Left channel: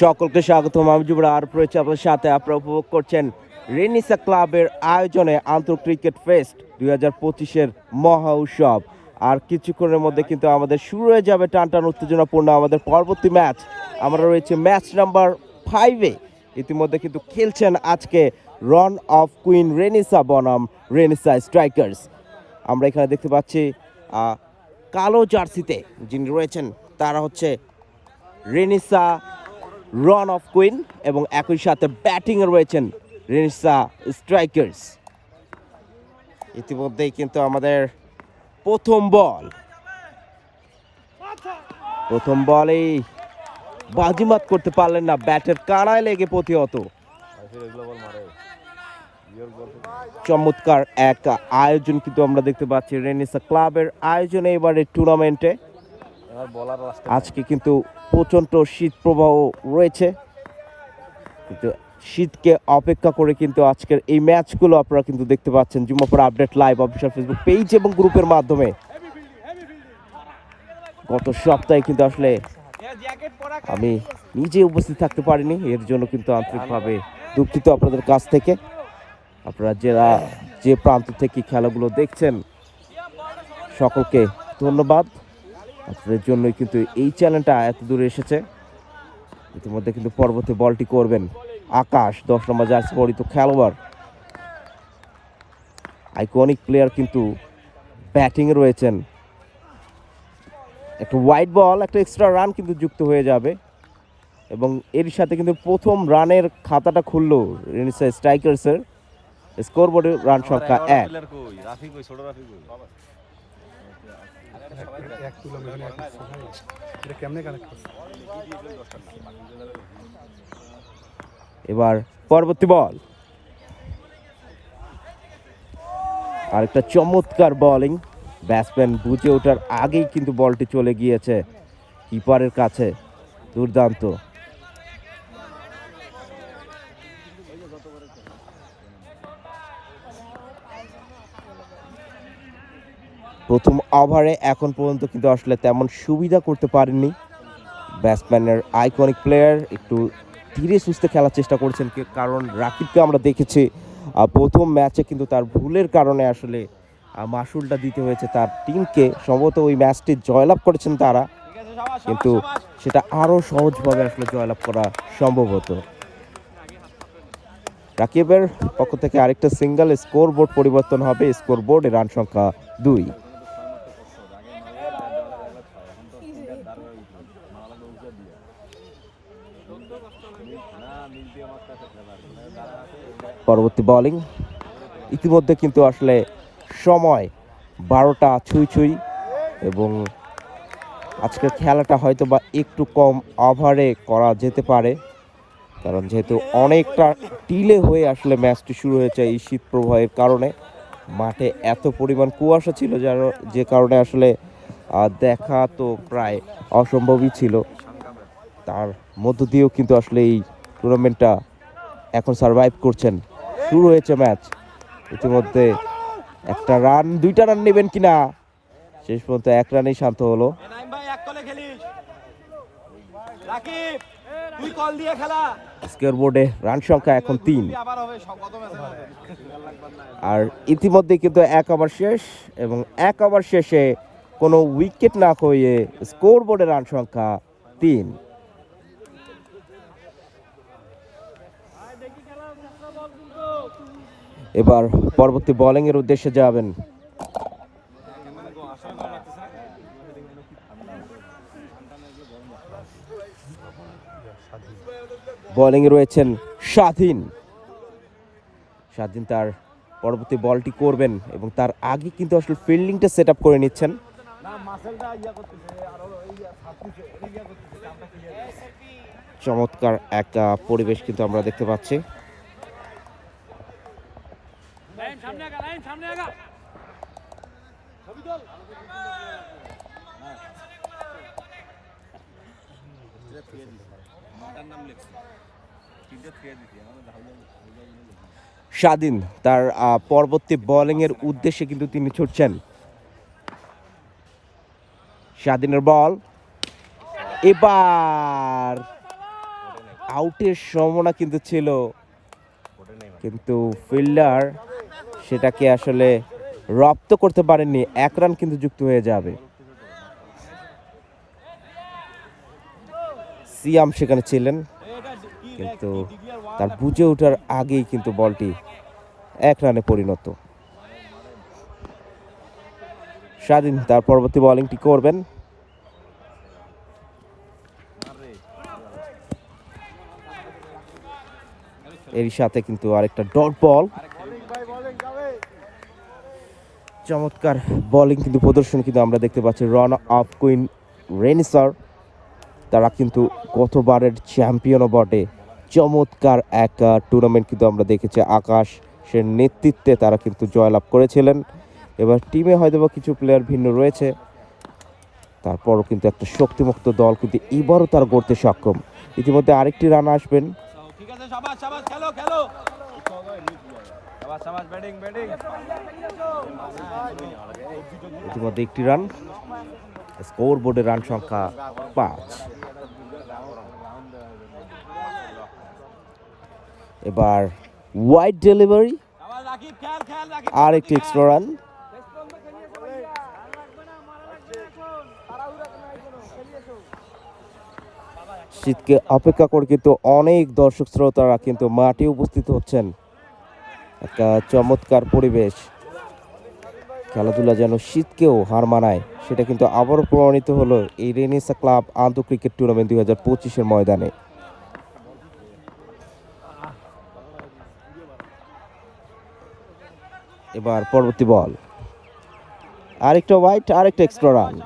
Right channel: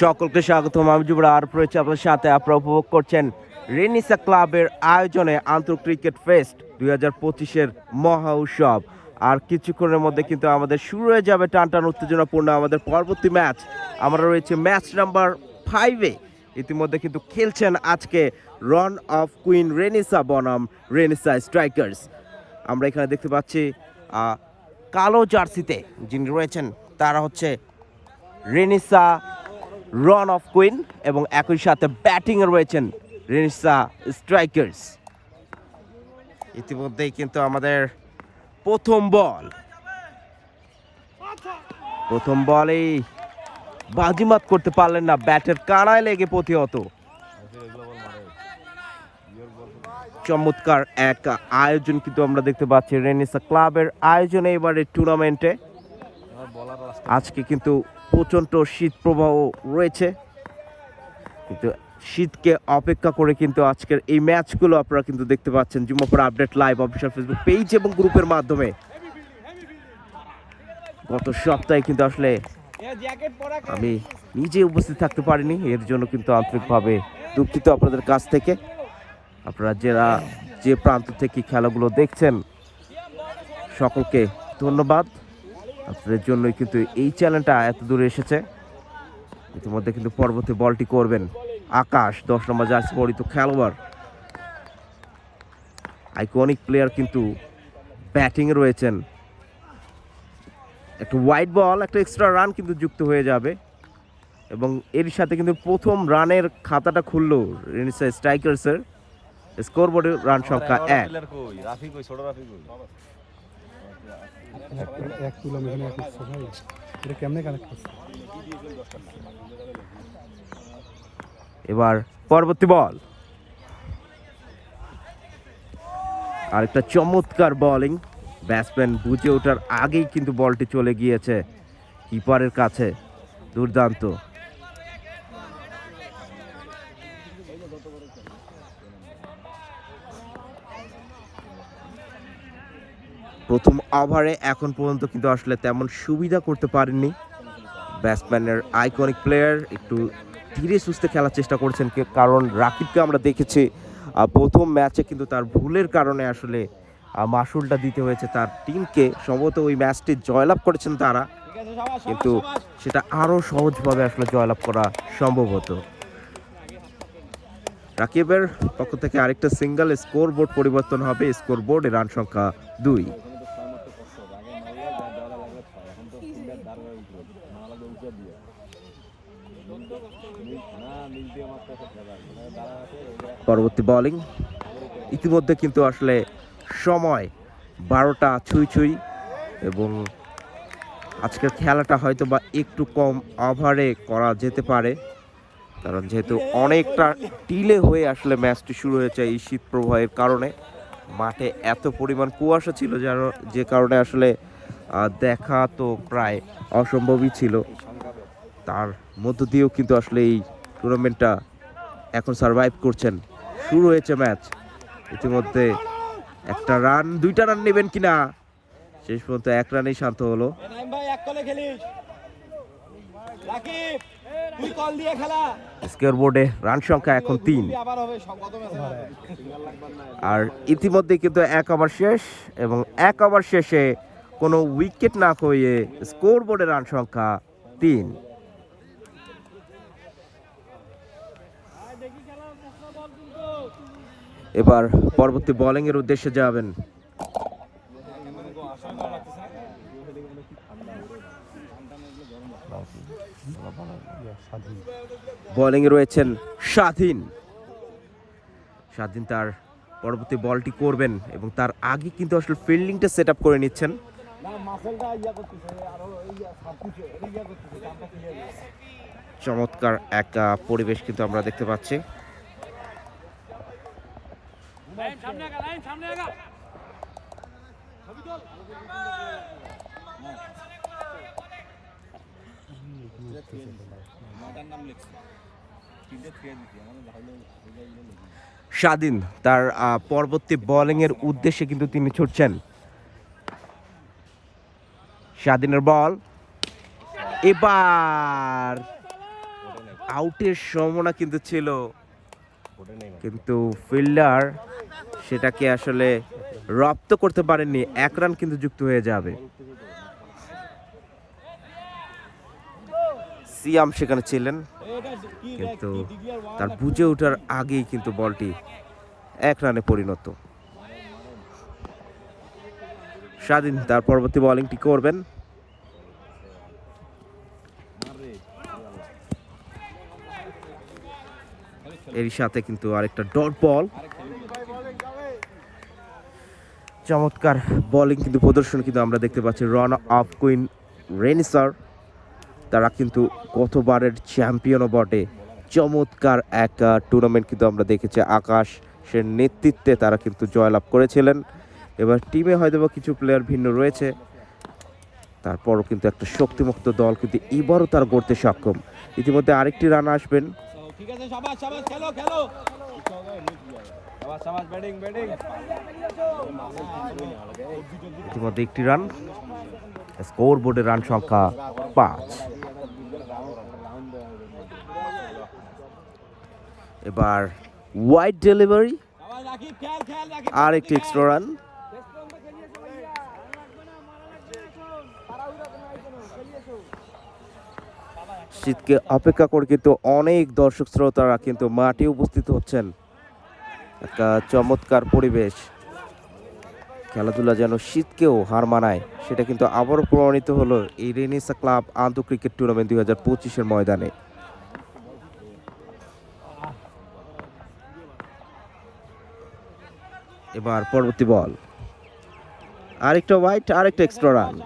সকলকে স্বাগতম। আমি যুবরাজ আর রয়েছে আপনার সাথে। আপনারা উপভোগ করছেন রেনিসা ক্লাবের আয়োজনে আন্তঃ ক্রিকেট ফেস্ট 2025-এর মহা উৎসব। আর কিছুক্ষণের মধ্যে কিন্তু আমাদের শুরু হয়ে যাবে টানটান উত্তেজনাপূর্ণ আমাদের পরবর্তী ম্যাচ। আমরা রয়েছে ম্যাচ নাম্বার 5-এ। ইতিমধ্যে কিন্তু খেলছেন আজকে রন অফ কুইন রেনিসা বনাম রেনিসা স্ট্রাইকার্স। আমরা এখানে দেখতে পাচ্ছি কালো জার্সিতে যিনি রয়েছেন তারা হচ্ছে রেনিসা রন অফ কুইন এবং একই সাথে ব্যাটিংয়ে রয়েছেন রেনিসা স্ট্রাইকার্স। ইতিমধ্যেই কিন্তু আমাদের প্রথম বলেই বাজিমাত করতে পারলেন না, ব্যাটের কানায় লেগে প্রতিহত। চমৎকার এক আয়োজন কিন্তু আমরা দেখতে পাচ্ছি রেনিসা ক্লাবের আয়োজনে এবারে টুর্নামেন্টে। আজকে কিন্তু প্রচণ্ড শীত প্রবাহ রয়েছে, কিন্তু শীতকে অপেক্ষা করে কিন্তু আজকের এই ম্যাচগুলো আপনারা কিন্তু দেখতে পাচ্ছেন Jumapur update live official Facebook page এবং গ্রুপের মাধ্যমে। গত সপ্তাহে কিন্তু আসলে আমি নিজে উপস্থিত থাকতে পারিনি, এর জন্য কিন্তু আন্তরিকভাবে দুঃখিত আপনাদের কাছ থেকে। আপনারা যে প্রান্ত থেকে খেলাগুলো দেখছেন সকলকে ধন্যবাদ। আপনাদের জন্যই কিন্তু এই চ্যানেলটা এত দূরে এসেছে। ইতিমধ্যে কিন্তু পরবর্তী বলটি করবেন আকাশ, 10 নম্বর জার্সি পরিহিত খেলোয়াড়, আইকনিক প্লেয়ার কিন্তু ব্যাটিংয়ে রয়েছেন। একটা হোয়াইট বল, একটা এক্সট্রা রান কিন্তু যুক্ত হয়ে যাবে এবং এর সাথে কিন্তু প্রথম রানের খাতাটা খুললো রেনিসা স্ট্রাইকার্সের। স্কোরবোর্ডে রান সংখ্যা 1। এবার পরবর্তী বল, আরেকটা চমৎকার বোলিং। ব্যাটসম্যান বুঝে ওঠার আগেই কিন্তু বলটি চলে গিয়েছে কিপারের কাছে। দুর্দান্ত। প্রথম ওভারে এখন পর্যন্ত কিন্তু আসলে তেমন সুবিধা করতে পারেননি ব্যাটসম্যানের আইকনিক প্লেয়ার। একটু ধীরে সুস্থে খেলার চেষ্টা করছেন, কারণ রাকিবকে আমরা দেখেছি প্রথম ম্যাচে কিন্তু তার ভুলের কারণে আসলে মাসুলটা দিতে হয়েছে তার টিমকে। সম্ভবত ওই ম্যাচটি জয়লাভ করেছেন তারা, কিন্তু সেটা আরও সহজভাবে আসলে জয়লাভ করা সম্ভব হতো। রাকিবের পক্ষ থেকে আরেকটা সিঙ্গেল, স্কোর বোর্ড পরিবর্তন হবে। স্কোর বোর্ডে রান সংখ্যা 2। পরবর্তী বোলিং। ইতিমধ্যে কিন্তু আসলে সময় 12টা ছুঁই এবং আজকের খেলাটা হয়তো বা একটু কম ওভারে করা যেতে পারে, কারণ যেহেতু অনেকটা ডিলে হয়ে আসলে ম্যাচটি শুরু হয়েছে এই শীত প্রবাহের কারণে। মাঠে এত পরিমাণ কুয়াশা ছিল যে কারণে আসলে দেখা তো প্রায় অসম্ভবই ছিল। তার মধ্য দিয়েও কিন্তু আসলে এই টুর্নামেন্টটা এখন সারভাইভ করছেন। শুরু হয়েছে ম্যাচ, ইতিমধ্যে একটা রান, 2টা রান নেবেন কিনা, শেষ পর্যন্ত 1 রানেই শান্ত হলো। স্কোর বোর্ডে রান সংখ্যা এখন 3। আর ইতিমধ্যে কিন্তু 1 ওভার শেষ এবং 1 ওভার শেষে কোনো উইকেট না হয়ে স্কোর বোর্ডে রান সংখ্যা 3। এবার পরবর্তী বোলিং এর উদ্দেশ্যে যাবেন বোলিংয়ে রয়েছেন স্বাধীন তার পরবর্তী বলটি করবেন এবং তার আগে কিন্তু আসলে ফিল্ডিংটা সেট আপ করে নিচ্ছেন। চমৎকার এক পরিবেশ কিন্তু আমরা দেখতে পাচ্ছি। স্বাধীন তার পরবর্তী বোলিংয়ের উদ্দেশ্যে কিন্তু তিনি ছুটছেন। স্বাধীনের বল এবার আউটের সম্ভাবনা কিন্তু ছিল, কিন্তু ফিল্ডার সেটাকে আসলে রপ্ত করতে পারেননি। 1 রান কিন্তু যুক্ত হয়ে যাবে। সিয়াম সেখানে ছিলেন, কিন্তু তার বুঝে ওঠার আগেই কিন্তু বলটি 1 রানে পরিণত। স্বাধীন তার পরবর্তী বোলিংটি করবেন। এরই সাথে কিন্তু আরেকটা ডট বল। চমৎকার বোলিং কিন্তু প্রদর্শন কিন্তু আমরা দেখতে পাচ্ছি রান অফ কুইন রেনিসার। তারা কিন্তু গতবারের চ্যাম্পিয়নও বটে। চমৎকার এক টুর্নামেন্ট কিন্তু আমরা দেখেছি, আকাশের নেতৃত্বে তারা কিন্তু জয়লাভ করেছিলেন। এবার টিমে হয়তো বা কিছু প্লেয়ার ভিন্ন রয়েছে, তারপরও কিন্তু একটা শক্তিমুক্ত দল কিন্তু এবারও তারা গড়তে সক্ষম। ইতিমধ্যে আরেকটি রান আসবেন। ইতিমধ্যে একটি রান, স্কোর বোর্ডের রান সংখ্যা 5। এবার ওয়াইড ডেলিভারি, আর একটি এক্সট্রা রান। শীতকে অপেক্ষা করে কিন্তু অনেক দর্শক শ্রোতারা কিন্তু মাঠে উপস্থিত হচ্ছেন। একটা চমৎকার পরিবেশ, খেলাধুলা যেন শীতকেও হার মানায়, সেটা কিন্তু আবারও প্রমাণিত হলো এই রেনেসা ক্লাব আন্তঃ ক্রিকেট টুর্নামেন্ট 2025-এর ময়দানে। এবার পরবর্তী বল, আরেকটা ওয়াইড, আরেকটা এক্সট্রা রান।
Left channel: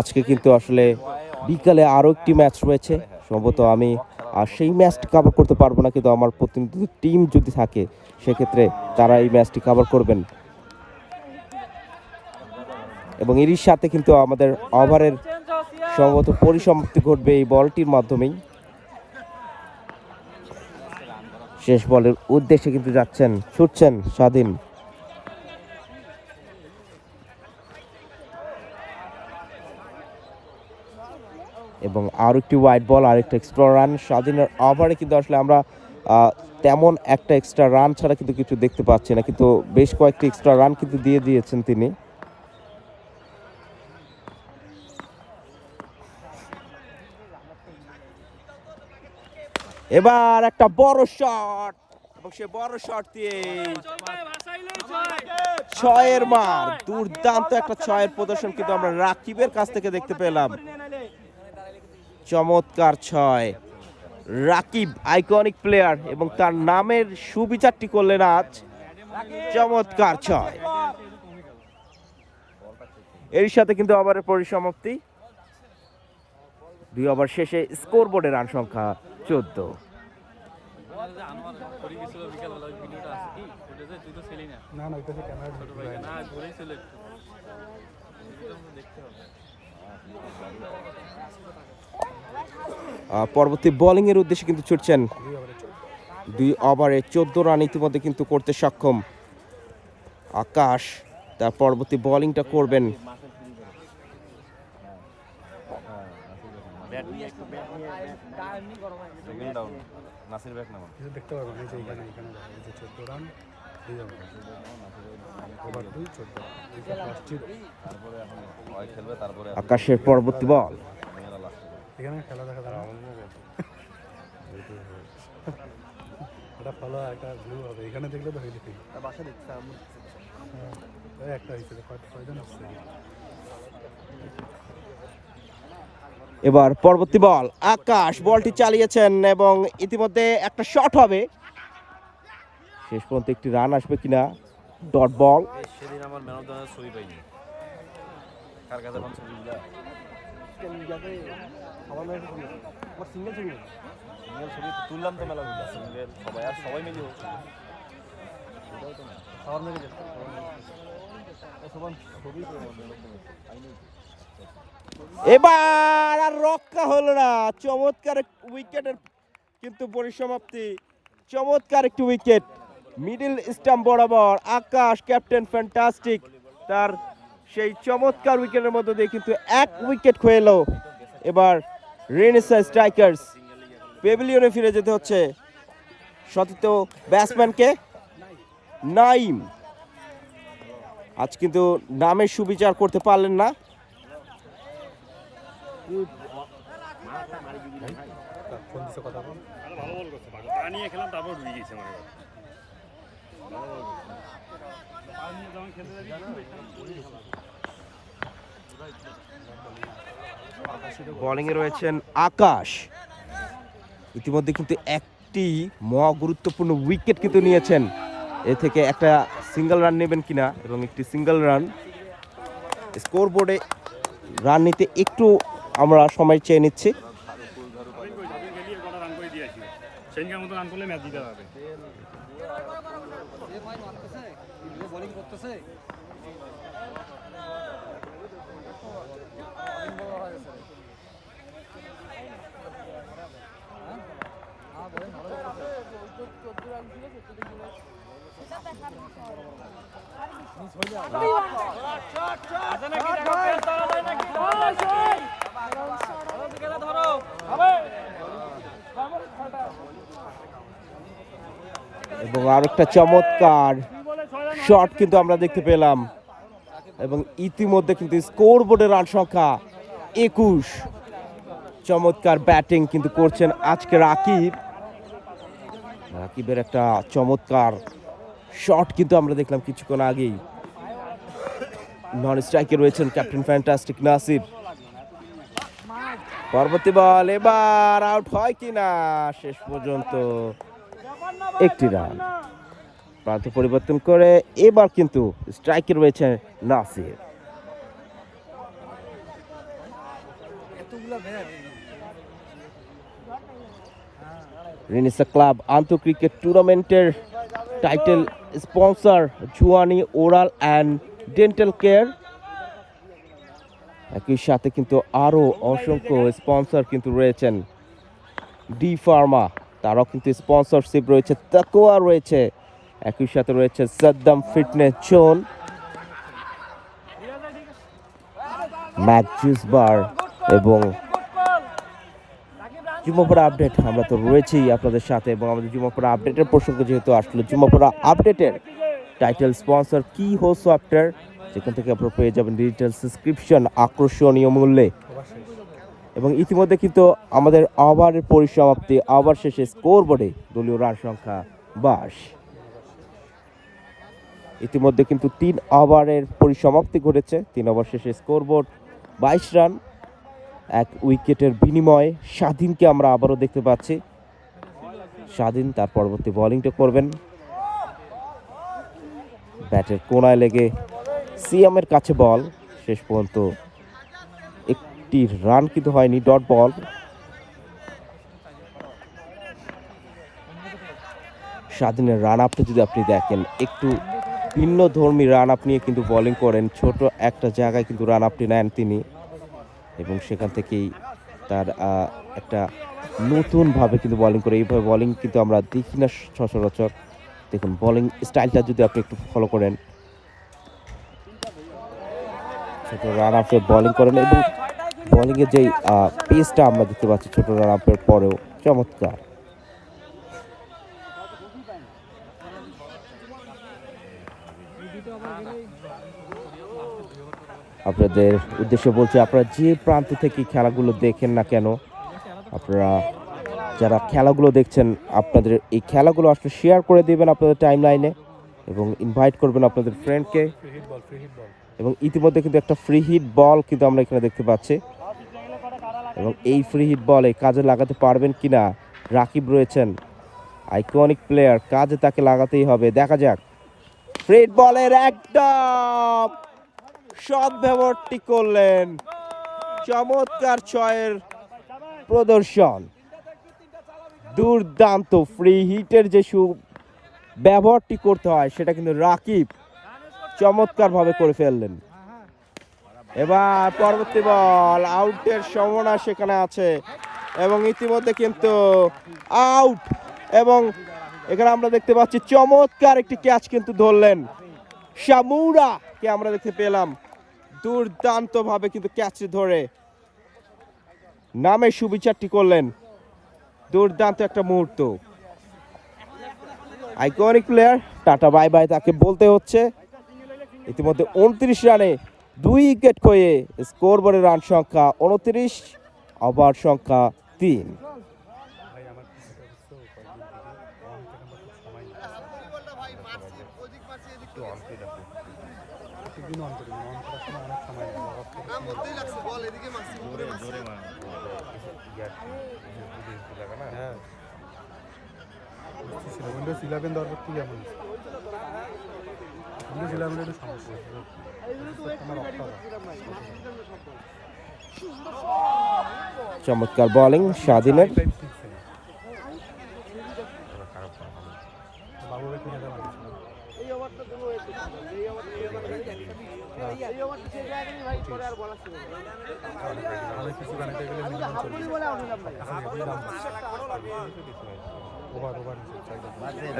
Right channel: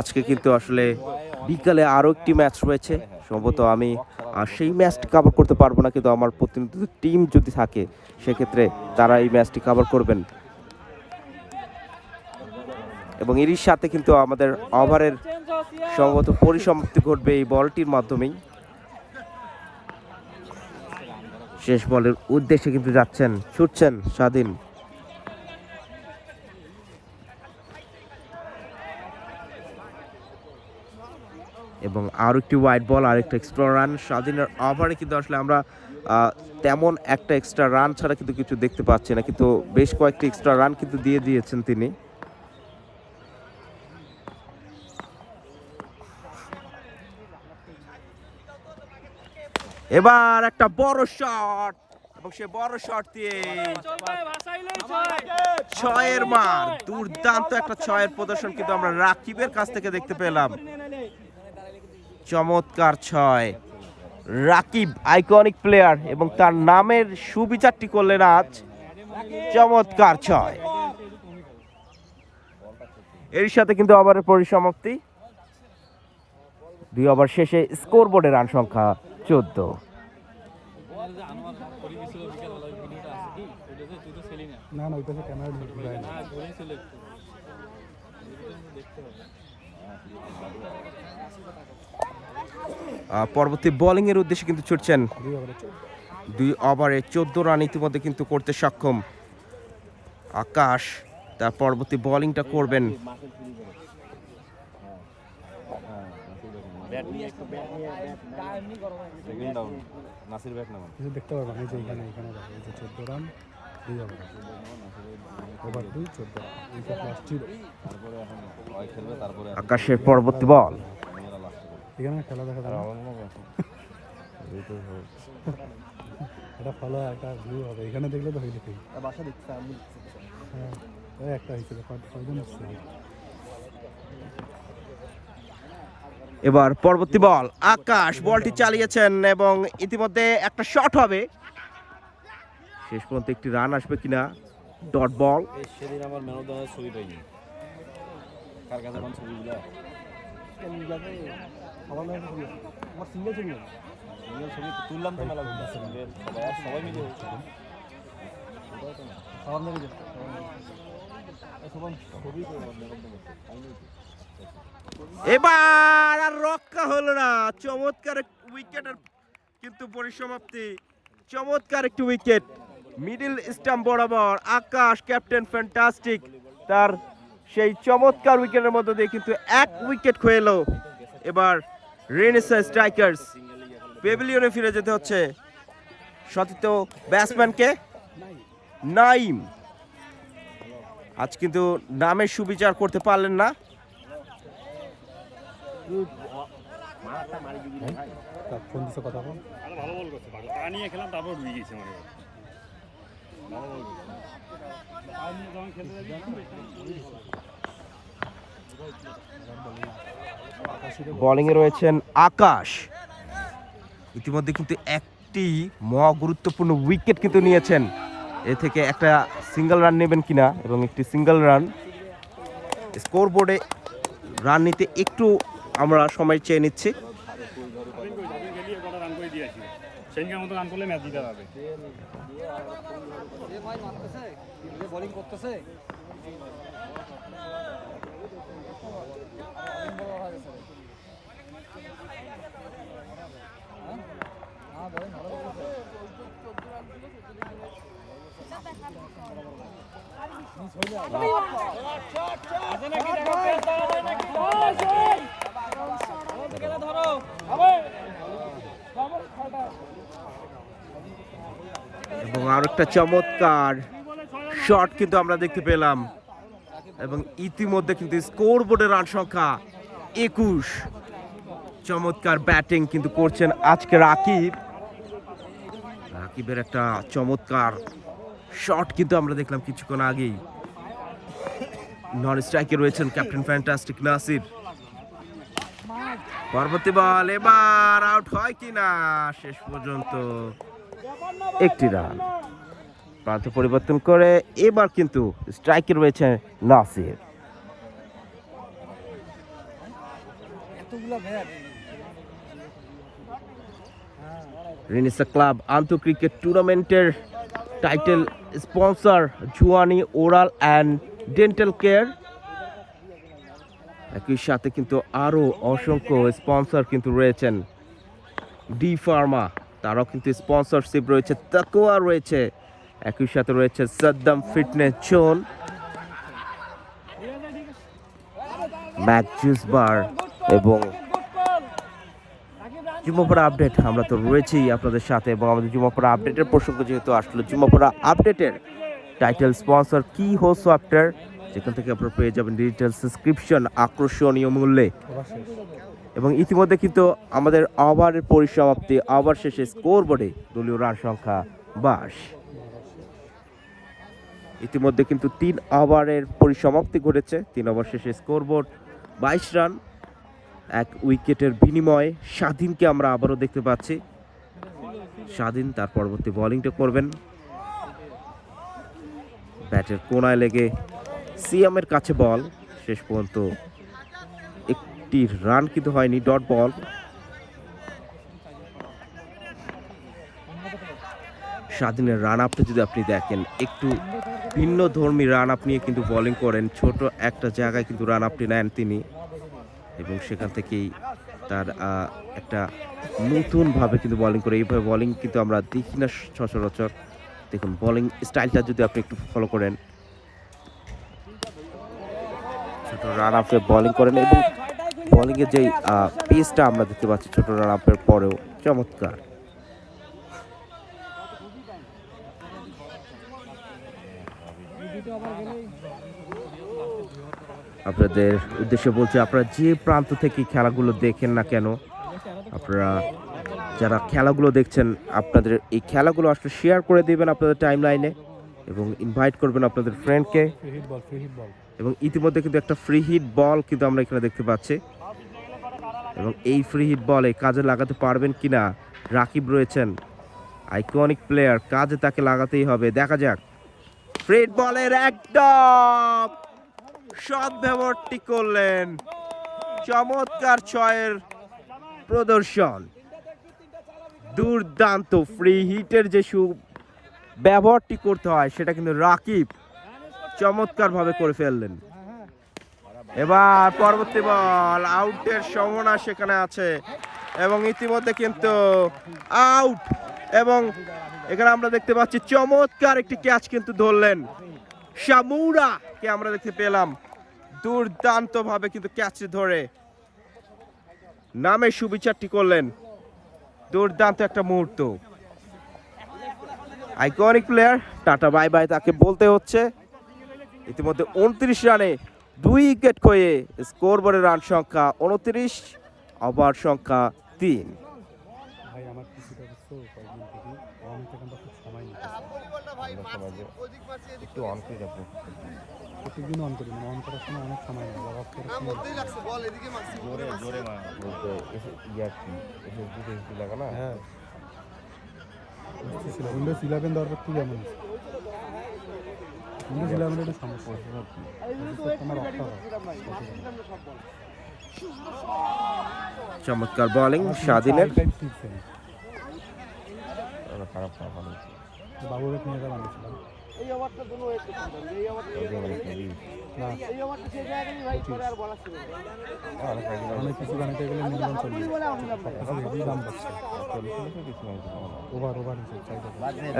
আজকে কিন্তু আসলে বিকালে আরও একটি ম্যাচ রয়েছে, সম্ভবত আমি সেই ম্যাচটি কভার করতে পারবো না, কিন্তু আমার প্রতিনিধি টিম যদি থাকে সেক্ষেত্রে তারা এই ম্যাচটি কভার করবেন। এবং এরই সাথে কিন্তু আমাদের ওভারের সম্ভবত পরিসমাপ্তি ঘটবে এই বলটির মাধ্যমেই। শেষ বলের উদ্দেশ্যে কিন্তু যাচ্ছেন, ছুটছেন স্বাধীন। এবং আরও একটি ওয়াইড বল, আরেকটা এক্সট্রা রান। স্বাধীনের ওভারে কিন্তু আসলে আমরা তেমন একটা এক্সট্রা রান ছাড়া কিন্তু কিছু দেখতে পাচ্ছি না, কিন্তু বেশ কয়েকটি এক্সট্রা রান কিন্তু দিয়ে দিয়েছেন তিনি। এবার একটা বড় শট, এবং সে বড় শট দিয়ে 6-এর মার। দুর্দান্ত একটা 6-এর প্রদর্শন কিন্তু আমরা রাকিবের কাছ থেকে দেখতে পেলাম। চমৎকার 6। রাকিব আইকনিক প্লেয়ার, এবং তার নামের সুবিচারটি করলেন আজ। চমৎকার 6। এর সাথে কিন্তু ওভারের পরিসমাপ্তি। 2 ওভার শেষে স্কোর বোর্ডে রান সংখ্যা 14। পরবর্তী বোলিং এর উদ্দেশ্যে কিন্তু ছুটছেন। 2 ওভারে 14 রান ইতিমধ্যে কিন্তু করতে সক্ষম আকাশ। তার পরবর্তী বোলিংটা করবেন। আকাশের পরবর্তী বল, এবার পরবর্তী বল, আকাশ বলটি চালিয়েছেন এবং ইতিমধ্যে একটা শট হবে। শেষ পর্যন্ত একটি রান আসবে কিনা। Dot ball. সেদিন আমার ম্যান অফ দ্য ম্যাচ ছবি পাইনি, কার কাছে কোন ছবিগুলো ছবি তুললাম তো মেলা সবাই মিলে এবার আর রক্ষা হলো না। চমৎকার উইকেটের কিন্তু পরিসমাপ্তি। চমৎকার একটি উইকেট, মিডল স্টাম্প বরাবর আকাশ ক্যাপ্টেন ফ্যান্টাস্টিক তার সেই চমৎকার উইকেটের মধ্যে দিয়ে কিন্তু এক উইকেট খেয়ে এলো। এবার রেনেসা স্ট্রাইকার্স পেভিলিয়নে ফিরে যেতে হচ্ছে সতীর্থ ব্যাটসম্যানকে নাইম। আজ কিন্তু নামের সুবিচার করতে পারলেন না। ভালো বল করছে তা নিয়ে খেলাম তারপর ঢুকে গেছে মনে হয় বোলিংয়ে রয়েছেন আকাশ। ইতিমধ্যে কিন্তু একটি মহা গুরুত্বপূর্ণ উইকেট কিন্তু নিয়েছেন। এ থেকে একটা সিঙ্গেল রান নেবেন কিনা এবং একটি সিঙ্গেল রান স্কোর বোর্ডে রান নিতে একটু আমরা সময় চেয়ে নিচ্ছি। মতো রান করলে ম্যাচ জিতে যাবে। বোলিং করতেছে এবং আরো একটা চমৎকার শট কিন্তু আমরা দেখতে পেলাম এবং ইতিমধ্যে কিন্তু স্কোর বোর্ডের রান সংখ্যা 21। চমৎকার ব্যাটিং কিন্তু করছেন আজকে রাকিবের একটা চমৎকার শট কিন্তু আমরা দেখলাম কিছুক্ষণ আগেই। নন স্ট্রাইকে রয়েছেন ক্যাপ্টেন ফ্যান্টাস্টিক নাসির। পরবর্তী বল এবার আউট হয় কিনা, শেষ পর্যন্ত একটি রান। প্রান্ত পরিবর্তন করে এবার কিন্তু স্ট্রাইকে রয়েছে নাসির। রেনেসা ক্লাব আন্তঃক্রিকেট টুর্নামেন্টের টাইটেল স্পন্সর জুয়ানি ওরাল অ্যান্ড ডেন্টাল কেয়ার। একই সাথে কিন্তু আরও অসংখ্য স্পন্সর কিন্তু রয়েছেন। ডি ফার্মা তারাও কিন্তু স্পন্সরশিপ রয়েছে, তাকোয়া রয়েছে, একই সাথে রয়েছে Saddam fitness zone, Mac juice bar এবং জুমাপাড়া আপডেট। আমরা তো রয়েছেই আপনাদের সাথে এবং আমাদের জুমাপাড়া আপডেটের প্রসঙ্গ যেহেতু আসলো, জুমাপাড়া আপডেটের টাইটেল স্পন্সর কি হো সফটওয়্যার, যেখান থেকে আপনারা পেয়ে যাবেন ডিজিটাল সাবস্ক্রিপশন আকর্ষণীয় মূল্যে। এবং ইতিমধ্যে কিন্তু আমাদের ওভারের পরিসমাপ্তি, ওভার শেষে স্কোর বোর্ডে দলীয় রান সংখ্যা 22। ইতিমধ্যে কিন্তু 3 ওভারের পরিসমাপ্তি ঘটেছে। 3 ওভার শেষে স্কোর বোর্ড 22 রান। 1 উইকেটের বিনিময়ে স্বাধীনকে আমরা আবারও দেখতে পাচ্ছি। স্বাধীন তার পরবর্তী বোলিংটা করবেন। ব্যাটের কোনায় লেগে সিয়ামের কাছে বল, শেষ পর্যন্ত একটি রান কিন্তু হয়নি, ডট বল। স্বাধীনের রান আপটা যদি আপনি দেখেন, একটু ভিন্ন ধর্মী রান আপ নিয়ে কিন্তু বোলিং করেন। ছোট একটা জায়গায় কিন্তু রান আপটি নেন তিনি এবং সেখান থেকেই তার একটা নতুনভাবে কিন্তু বোলিং করে। এইভাবে বোলিং কিন্তু আমরা দেখি না সচরাচর। দেখুন বোলিং স্টাইলটা যদি আপনি একটু ফলো করেন, ছোট রান আপে বোলিং করেন এবং বোলিংয়ের যেই পেসটা আমরা দেখতে পাচ্ছি ছোট রান আপের পরেও চমৎকার। আপনাদের উদ্দেশ্যে বলছি, আপনারা যে প্রান্ত থেকে খেলাগুলো দেখেন না কেন, আপনারা যারা খেলাগুলো দেখছেন আপনাদের এই খেলাগুলো আসলে শেয়ার করে দিবেন আপনাদের টাইম লাইনে এবং ইনভাইট করবেন আপনাদের ফ্রেন্ডকে। এবং ইতিমধ্যে কিন্তু একটা ফ্রি হিট বল কিন্তু আমরা এখানে দেখতে পাচ্ছি এবং এই ফ্রি হিট বলে কাজে লাগাতে পারবেন কিনা রাকিব রয়েছেন, আইকনিক প্লেয়ার, কাজে তাকে লাগাতেই হবে। দেখা যাক। ফ্রি বলের একদম সদ্ব্যবহারটি করলেন, চমৎকার ছয়ের প্রদর্শন, দুর্দান্ত। ফ্রি হিটের যে ব্যবহারটি করতে হয় সেটা কিন্তু রাকিব চমৎকার ভাবে করে ফেললেন। এবার পরবর্তী বল, আউটের সম্ভাবনা সেখানে আছে এবং ইতিমধ্যে কিন্তু আউট এবং এখানে আমরা দেখতে পাচ্ছি চমৎকার একটি ক্যাচ কিন্তু ধরলেন শামুরা কে আমরা দেখতে পেলাম দুর্দান্ত ভাবে কিন্তু ক্যাচ ধরে নামে সুবিচারটি করলেন দুর্দান্ত একটা মুহূর্ত iconic player tata bye bye তাকে বলতে হচ্ছে ইতিমধ্যে 29 রানে 2 উইকেট খয়ে স্কোর বোর্ডের রান সংখ্যা 29 ওভার সংখ্যা 3 চমৎকার বোলিং স্বাধীনের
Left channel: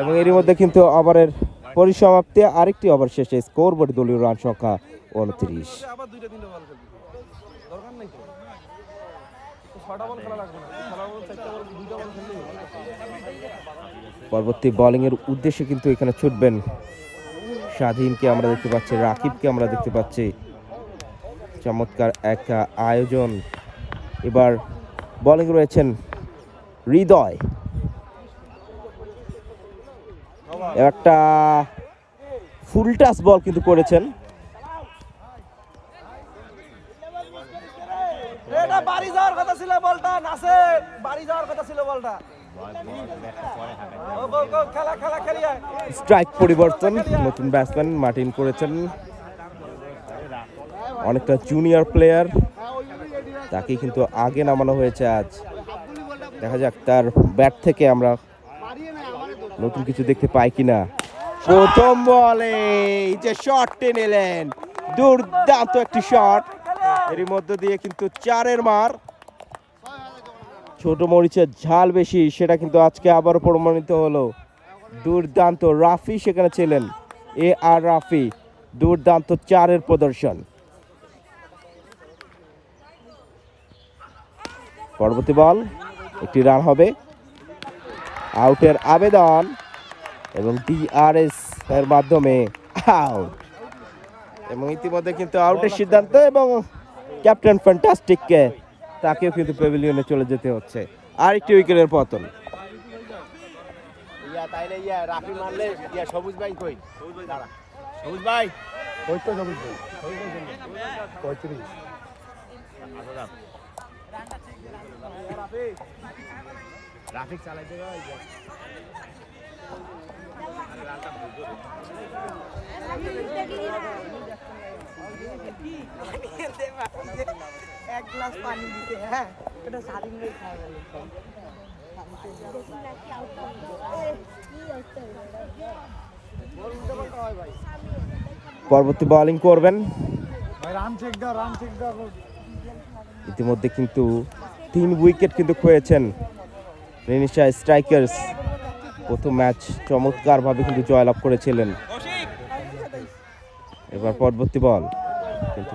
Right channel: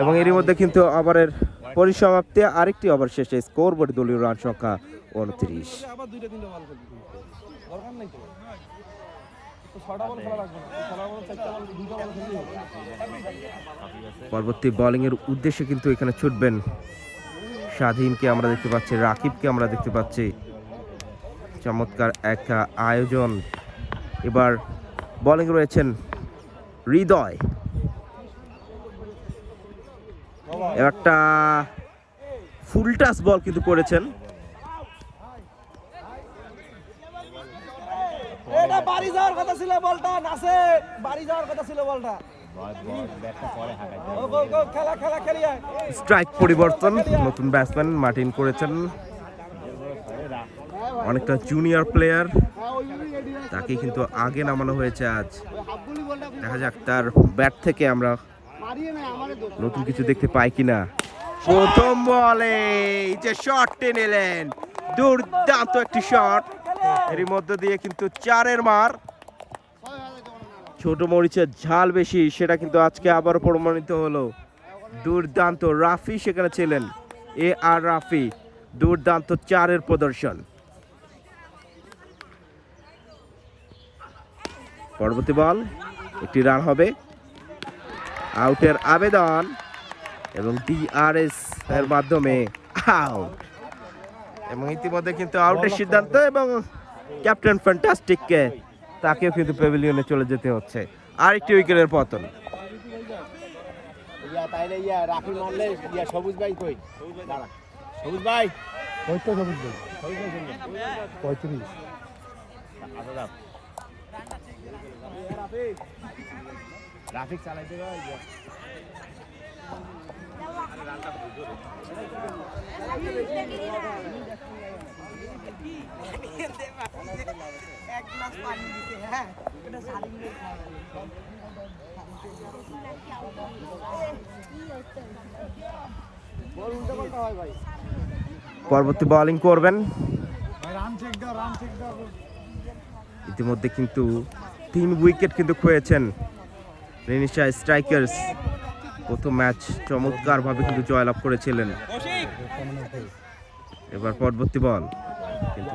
এবং এরই মধ্যে কিন্তু ওভারের পরিসমাপ্তি আরেকটি ওভার শেষে স্কোর বোর্ড দলীয় রান সংখ্যা 29 পরবর্তী বোলিং এর উদ্দেশ্যে কিন্তু এখানে ছুটবেন স্বাধীনকে আমরা দেখতে পাচ্ছি রাকিবকে আমরা দেখতে পাচ্ছি চমৎকার এক আয়োজন এবার বোলিং রয়েছেন হৃদয় একটা ফুল টাচ বল কিন্তু করেছেন এটা বাড়ি যাওয়ার কথা ছিল বলটা নাসে বাড়ি যাওয়ার কথা ছিল বলটা খেলা খেলা খেলি স্ট্রাইক পরিবর্তন নতুন ব্যাটসম্যান মার্টিন করেছেন অনেকটা জুনিয়র প্লেয়ার তাকে কিন্তু আগে নামানো হয়েছে আজ দেখা যাক তার ব্যাট থেকে আমরা নতুন কিছু দেখতে পাই কিনা প্রথম বলে যে শটটি নিলেন দুর্দান্ত একটি শট এরই মধ্য দিয়ে কিন্তু 4-এর মার ছোট মরিচের ঝাল বেশি সেটা কিন্তু আজকে আবার প্রমাণিত হলো দুর্দান্ত রাফি সেখানে ছিলেন আর রাফি দুর্দান্ত 4-এর প্রদর্শন পরবর্তী বল একটি রান হবে আউটের আবেদন এবং ডিআরএস এর মাধ্যমে আউট এবং ইতিমধ্যে কিন্তু আউটের সিদ্ধান্ত এবং ক্যাপ্টেন ফ্যান্টাস্টিককে তাকেও কিন্তু প্যাভিলিয়নে চলে যেতে হচ্ছে আর একটি উইকেটের পতন সবুজ ভাই কই সবুজ ভাই ট্রাফিক চালাইতে এক গ্লাস পানি দিতে হ্যাঁ এটা সারিং রে পরবর্তী বোলিং করবেন ভাই রান চেক দাও ইতিমধ্যে কিন্তু 3 উইকেট কিন্তু খয়েছেন রেনিশা স্ট্রাইকার্স প্রথম ম্যাচ চমৎকারভাবে কিন্তু জয়লাভ করেছিলেন এবার পরবর্তী বল কিন্তু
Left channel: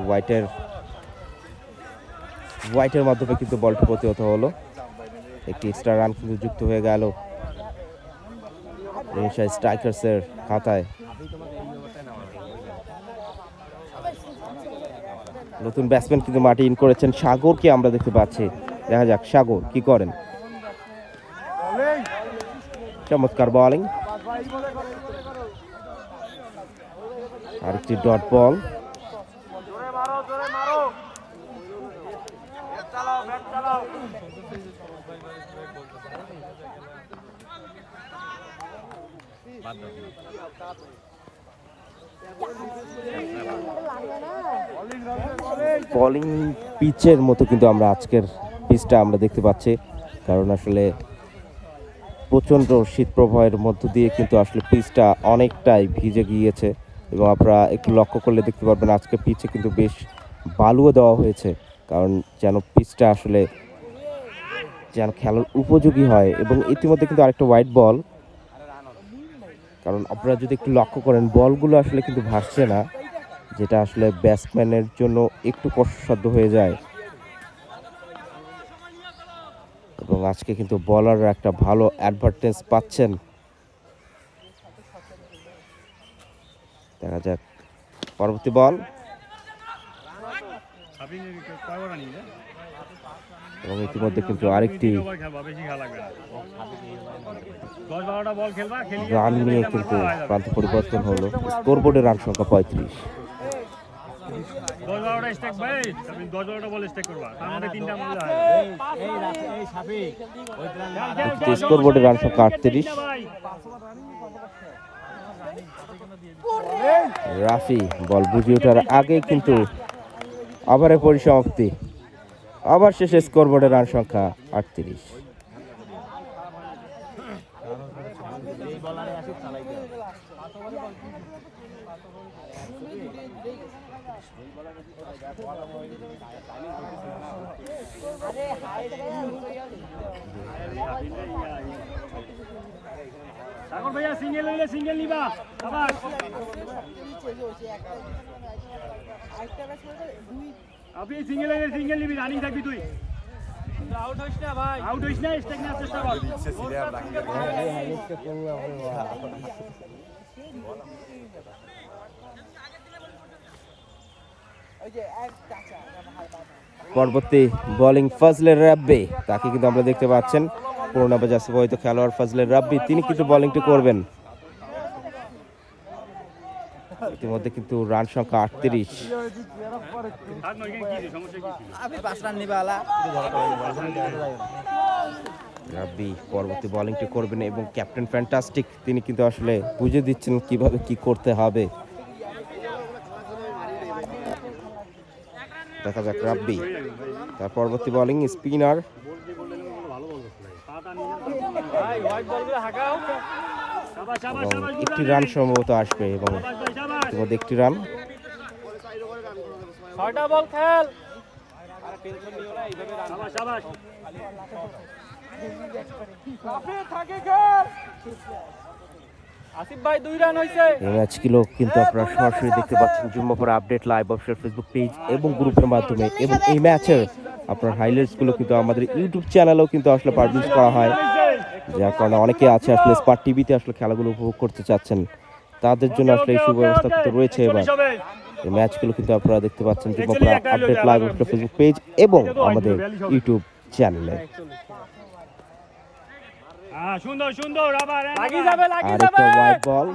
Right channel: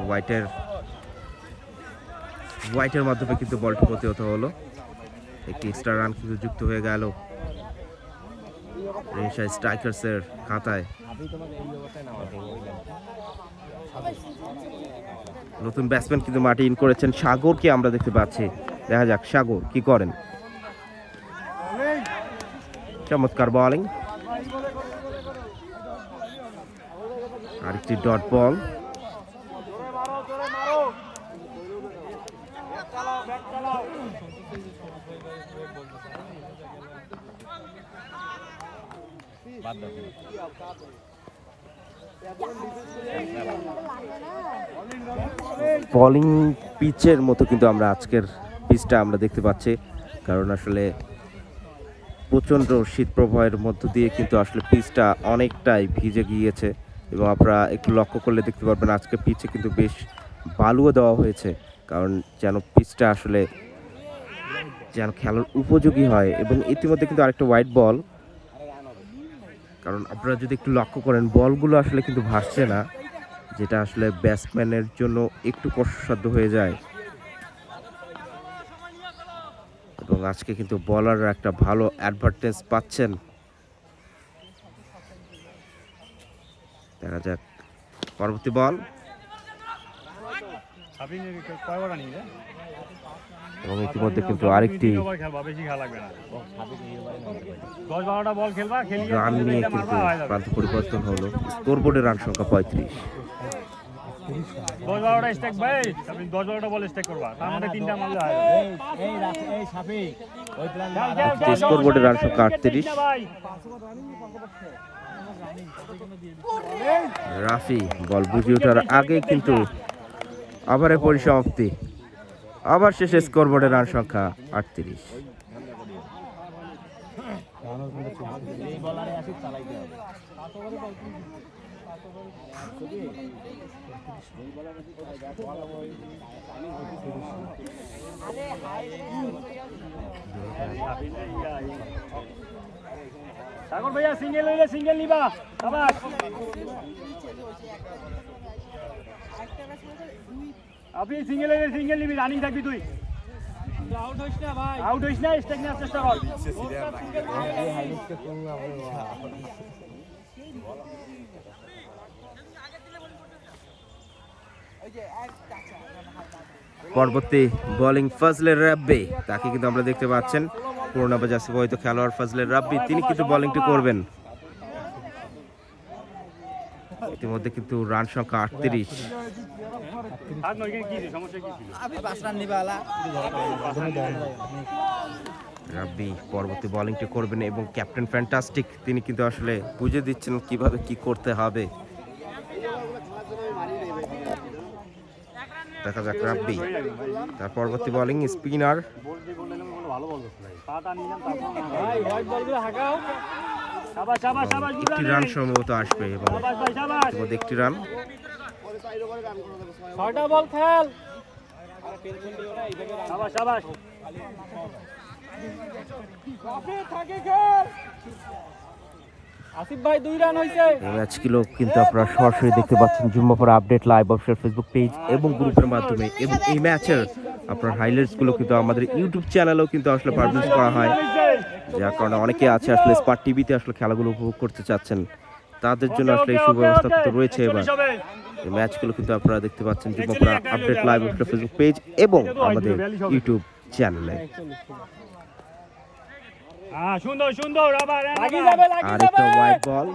হোয়াইটের মাধ্যমে কিন্তু বলটি প্রতিহত হলো একটি এক্সট্রা রান কিন্তু যুক্ত হয়ে গেল রেনিশা স্ট্রাইকার্সের খাতায় নতুন ব্যাটসম্যান কিন্তু মাঠে ইন করেছেন সাগরকে আমরা দেখতে পাচ্ছি দেখা যাক সাগর কি করেন চমৎকার বোলিং আরেকটি ডট বল বোলিং পিচের মতো কিন্তু আমরা আজকের পিচটা আমরা দেখতে পাচ্ছি কারণ আসলে প্রচণ্ড শীত প্রবাহের মধ্য দিয়ে কিন্তু আসলে পিচটা অনেকটাই ভিজে গিয়েছে এবং আপনারা একটু লক্ষ্য করলে দেখতে পারবেন আজকে পিচে কিন্তু বেশ বালুও দেওয়া হয়েছে কারণ যেন পিচটা আসলে যেন খেলার উপযোগী হয় এবং ইতিমধ্যে কিন্তু আরেকটা হোয়াইট বল কারণ আপনারা যদি একটু লক্ষ্য করেন বলগুলো আসলে কিন্তু ভাসছে না, যেটা আসলে ব্যাটসম্যানের জন্য একটু কষ্টসাধ্য হয়ে যায়। এবং আজকে কিন্তু বলাররা একটা ভালো অ্যাডভান্টেজ পাচ্ছেন। দেখা যাক পরবর্তী বল, এবং ইতিমধ্যে কিন্তু আরেকটি রান নিয়ে কিন্তু প্রান্ত পরিবর্তন হলো। স্কোরবোর্ডে রান সংখ্যা 35। স্কোরবোর্ডে রান সংখ্যা 38। রাফি বল বুঝে ওঠার আগে কিন্তু ওভারের পরিসমাপ্তি। আবার শেষে স্কোরবোর্ডে রান সংখ্যা 38। সাগর ভাইয়া সিঙ্গেল হইলে সিঙ্গেল নিবা। আপনি সিঙ্গেল হইলে সিঙ্গেল নিবি, রানিং থাকবি তুই। আউট হইস না, স্ট্রাইক নেওয়ার চেষ্টা কর। পরবর্তী বোলিং ফজলের রাব্বি, তাকে কিন্তু আমরা দেখতে পাচ্ছেন পুরোনো বা জাসিফ হয়তো খেলোয়াড় ফজলের রাব্বি, তিনি কিন্তু বোলিংটি করবেন। ইতিমধ্যে কিন্তু রান সংখ্যা 38। রাব্বি পরবর্তী বোলিংটি করবেন এবং ক্যাপ্টেন ফ্যান্টাস্টিক তিনি কিন্তু আসলে বুঝে দিচ্ছেন কিভাবে কি করতে হবে। দেখা যাক রাব্বি, তার পরবর্তী বোলিং স্পিনার। একটি রান সম্ভবত আসবে এবং ইতিমধ্যে একটি রান। এই ম্যাচগুলো কিন্তু আপনারা সরাসরি দেখতে পাচ্ছেন Jummapara update live official Facebook page এবং গ্রুপের মাধ্যমে, এবং এই ম্যাচের আপনার হাইলাইটসগুলো কিন্তু আমাদের ইউটিউব চ্যানেলেও কিন্তু আসলে পাবলিশ করা হয়, যার কারণে অনেকে আছে আসলে স্পার টিভিতে আসলে খেলাগুলো উপভোগ করতে চাচ্ছেন, তাদের জন্য আসলে এই সুব্যবস্থা কিন্তু রয়েছে। এবার এই ম্যাচগুলো কিন্তু আপনারা দেখতে পাচ্ছেন Jummapara update live official Facebook page এবং আমাদের ইউটিউব চ্যানেলে। সুন্দর সুন্দর, আরেকটা ওয়াইড বল,